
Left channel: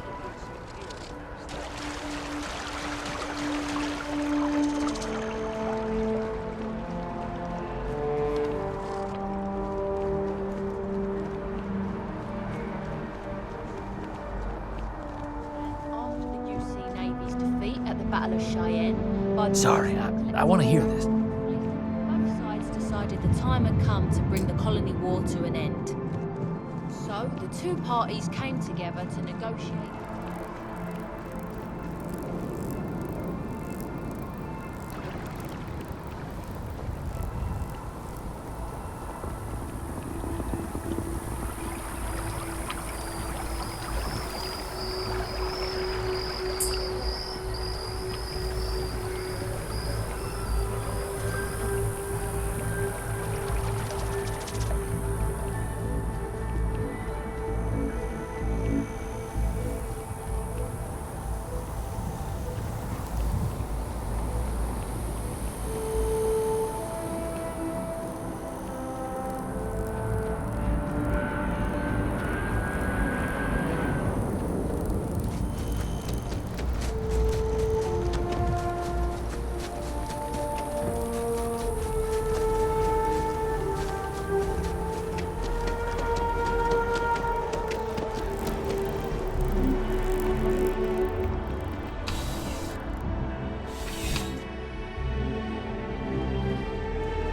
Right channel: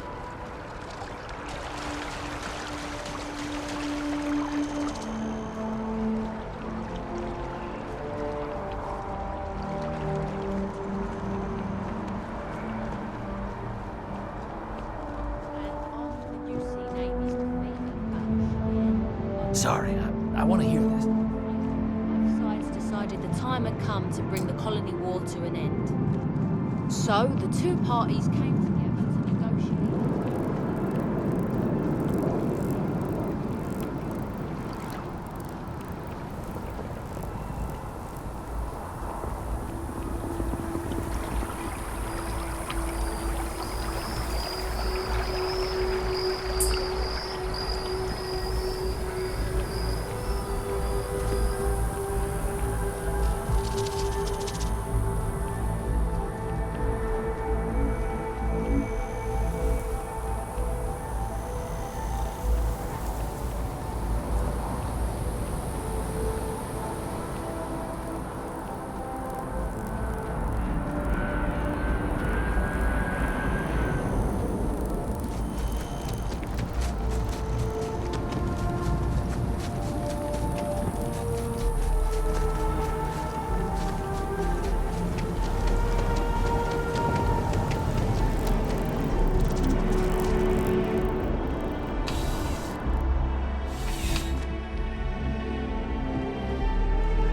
After the UC Navy's defeat at the Battle of Cheyenne, by the Sorry, I want to hear this. both sides decided the time had come to bring the colony war to an end. So the two parties came together to negotiate.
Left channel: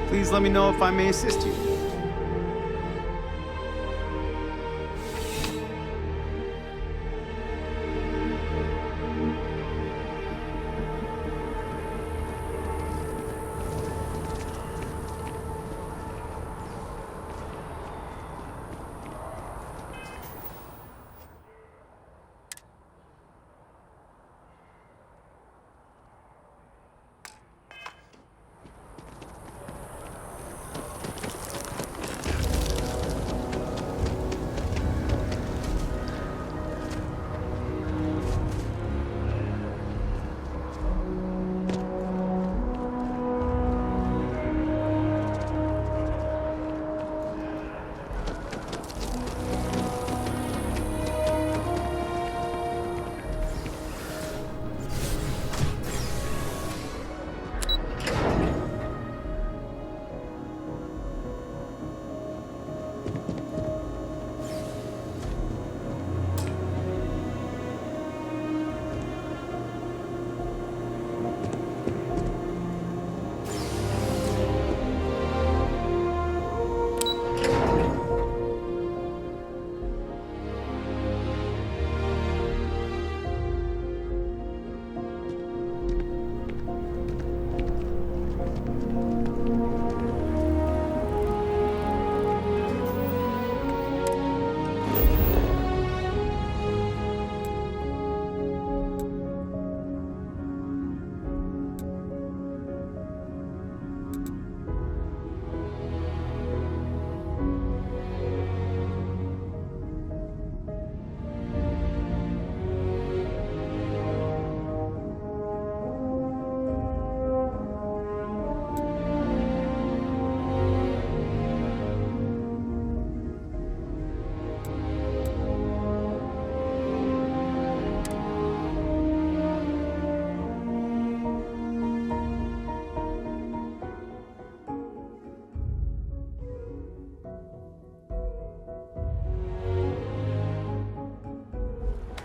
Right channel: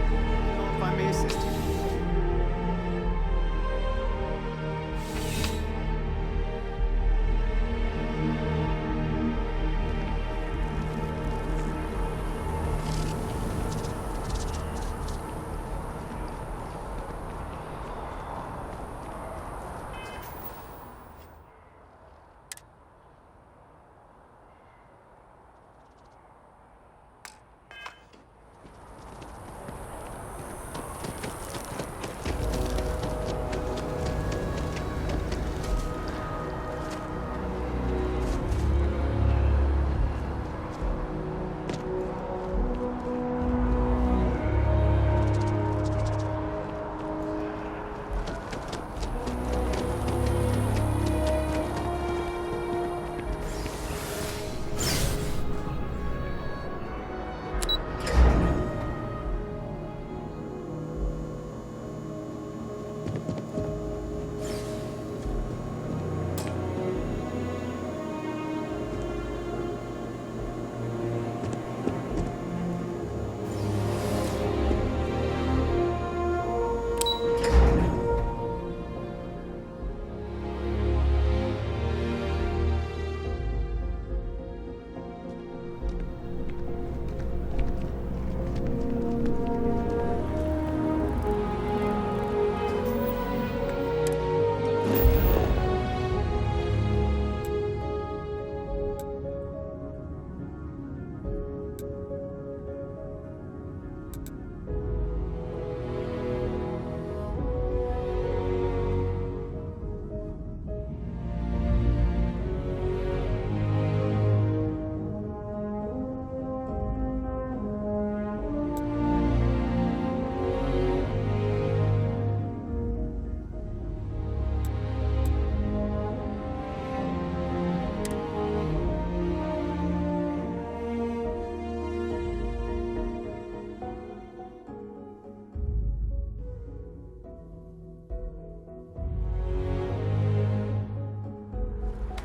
Please let me know if I may assist you.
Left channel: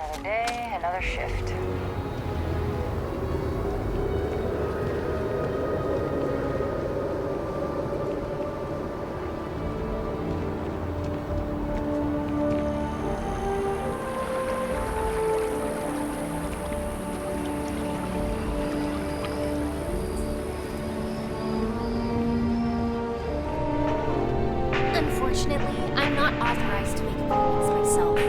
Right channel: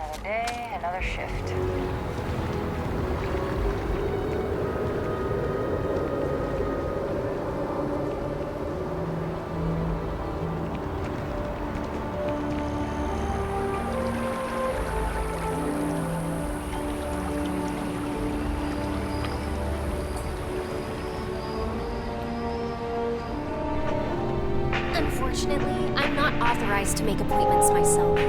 Another day, another shift. Unfortunately, I'm not authorized to make appointments myself.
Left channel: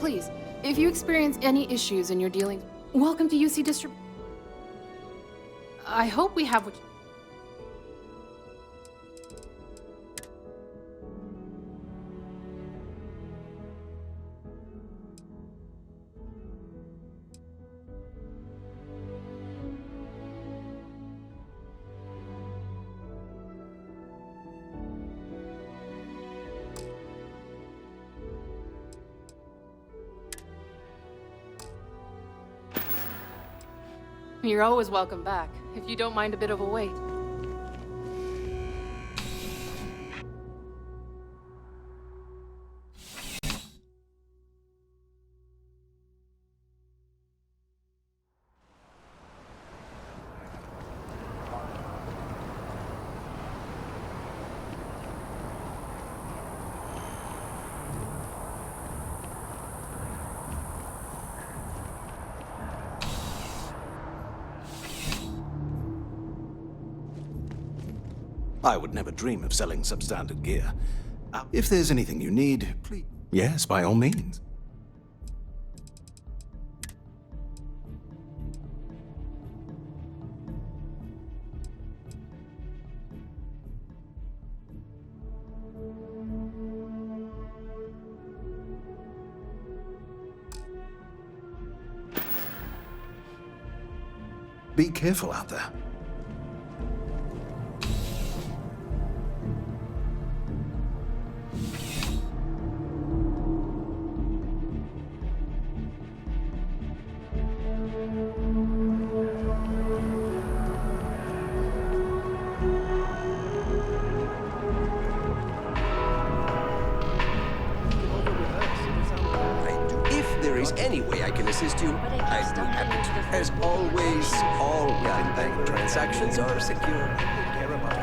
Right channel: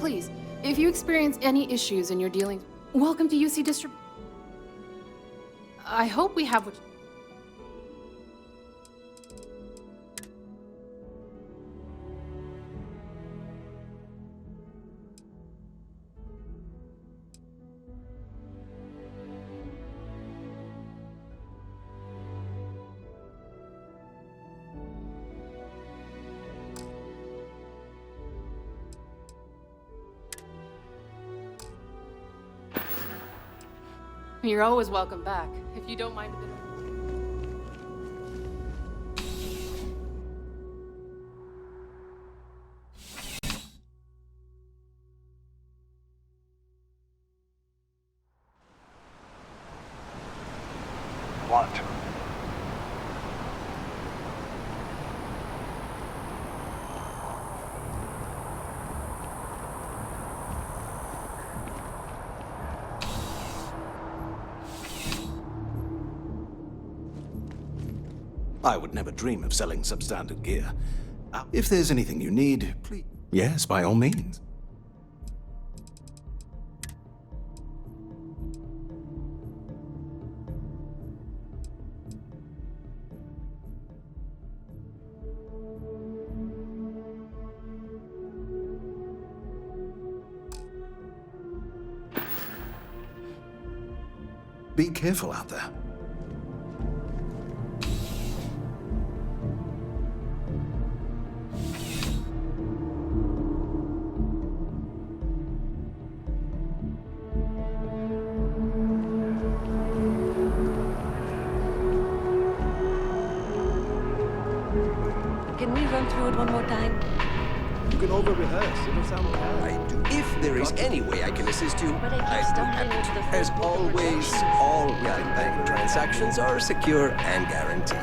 Please, if you experience any issues in your dealings, welcome to UC Distrib... I hope we have what... You're always welcome back, if you don't mind a bit of a wait. What? I would never dream of selling substandard gear. If there's anything you need, please... Yes, by all means. Be careful out there. If there is any way I can assist you, I'd be happy to. As always, all within bank transactions are secure and guaranteed.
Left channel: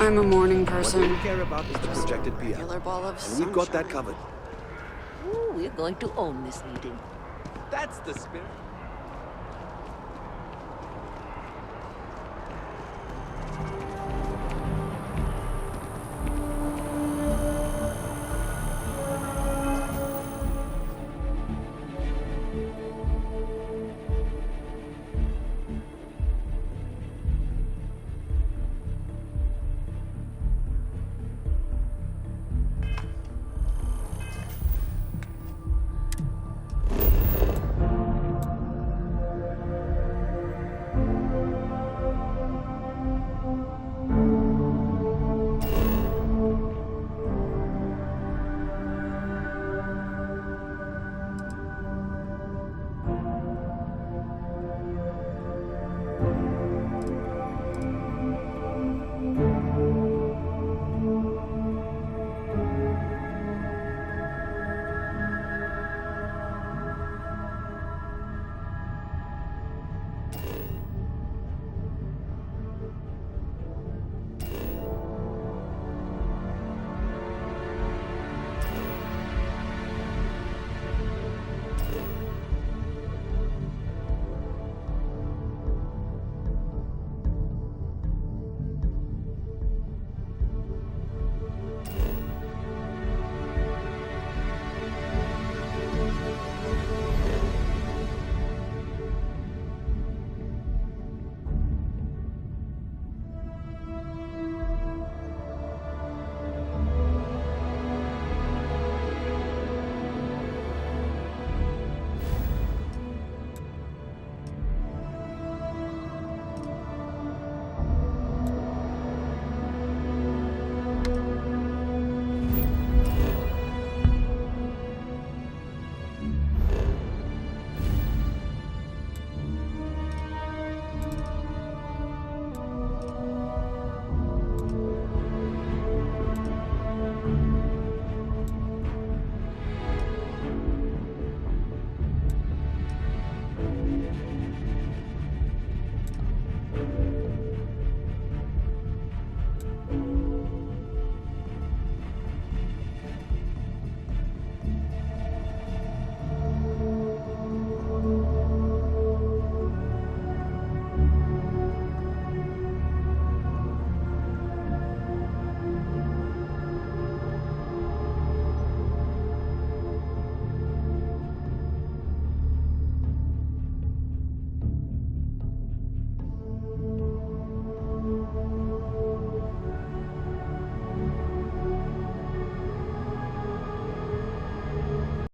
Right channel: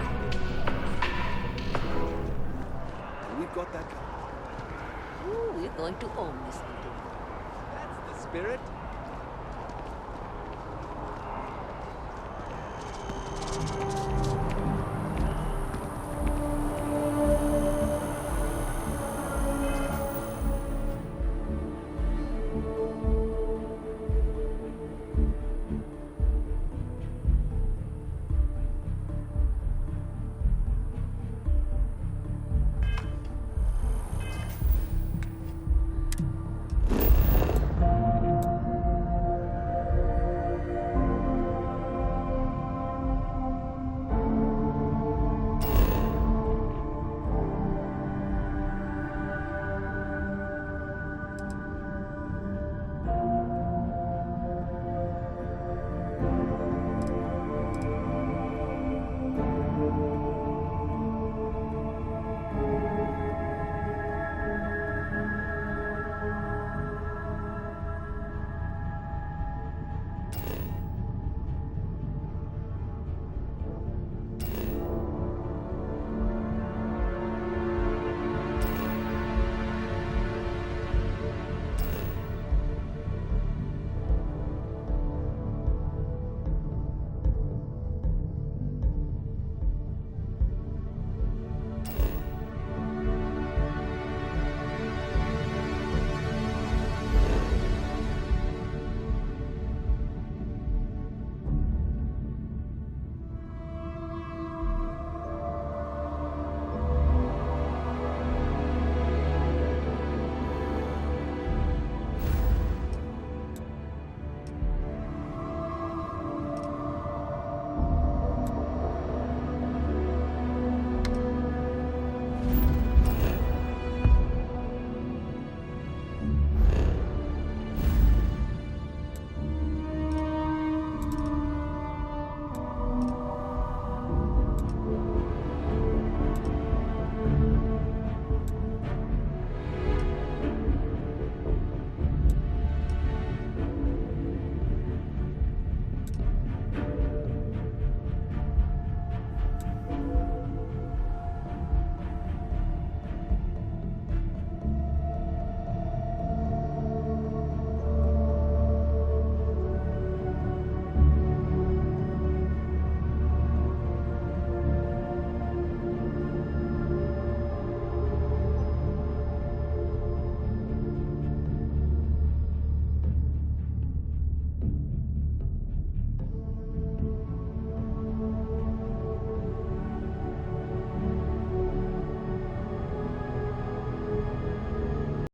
I'm a morning person. Projected PR. And we've got that covered. Ooh, we're going to own this meeting. That's the spirit.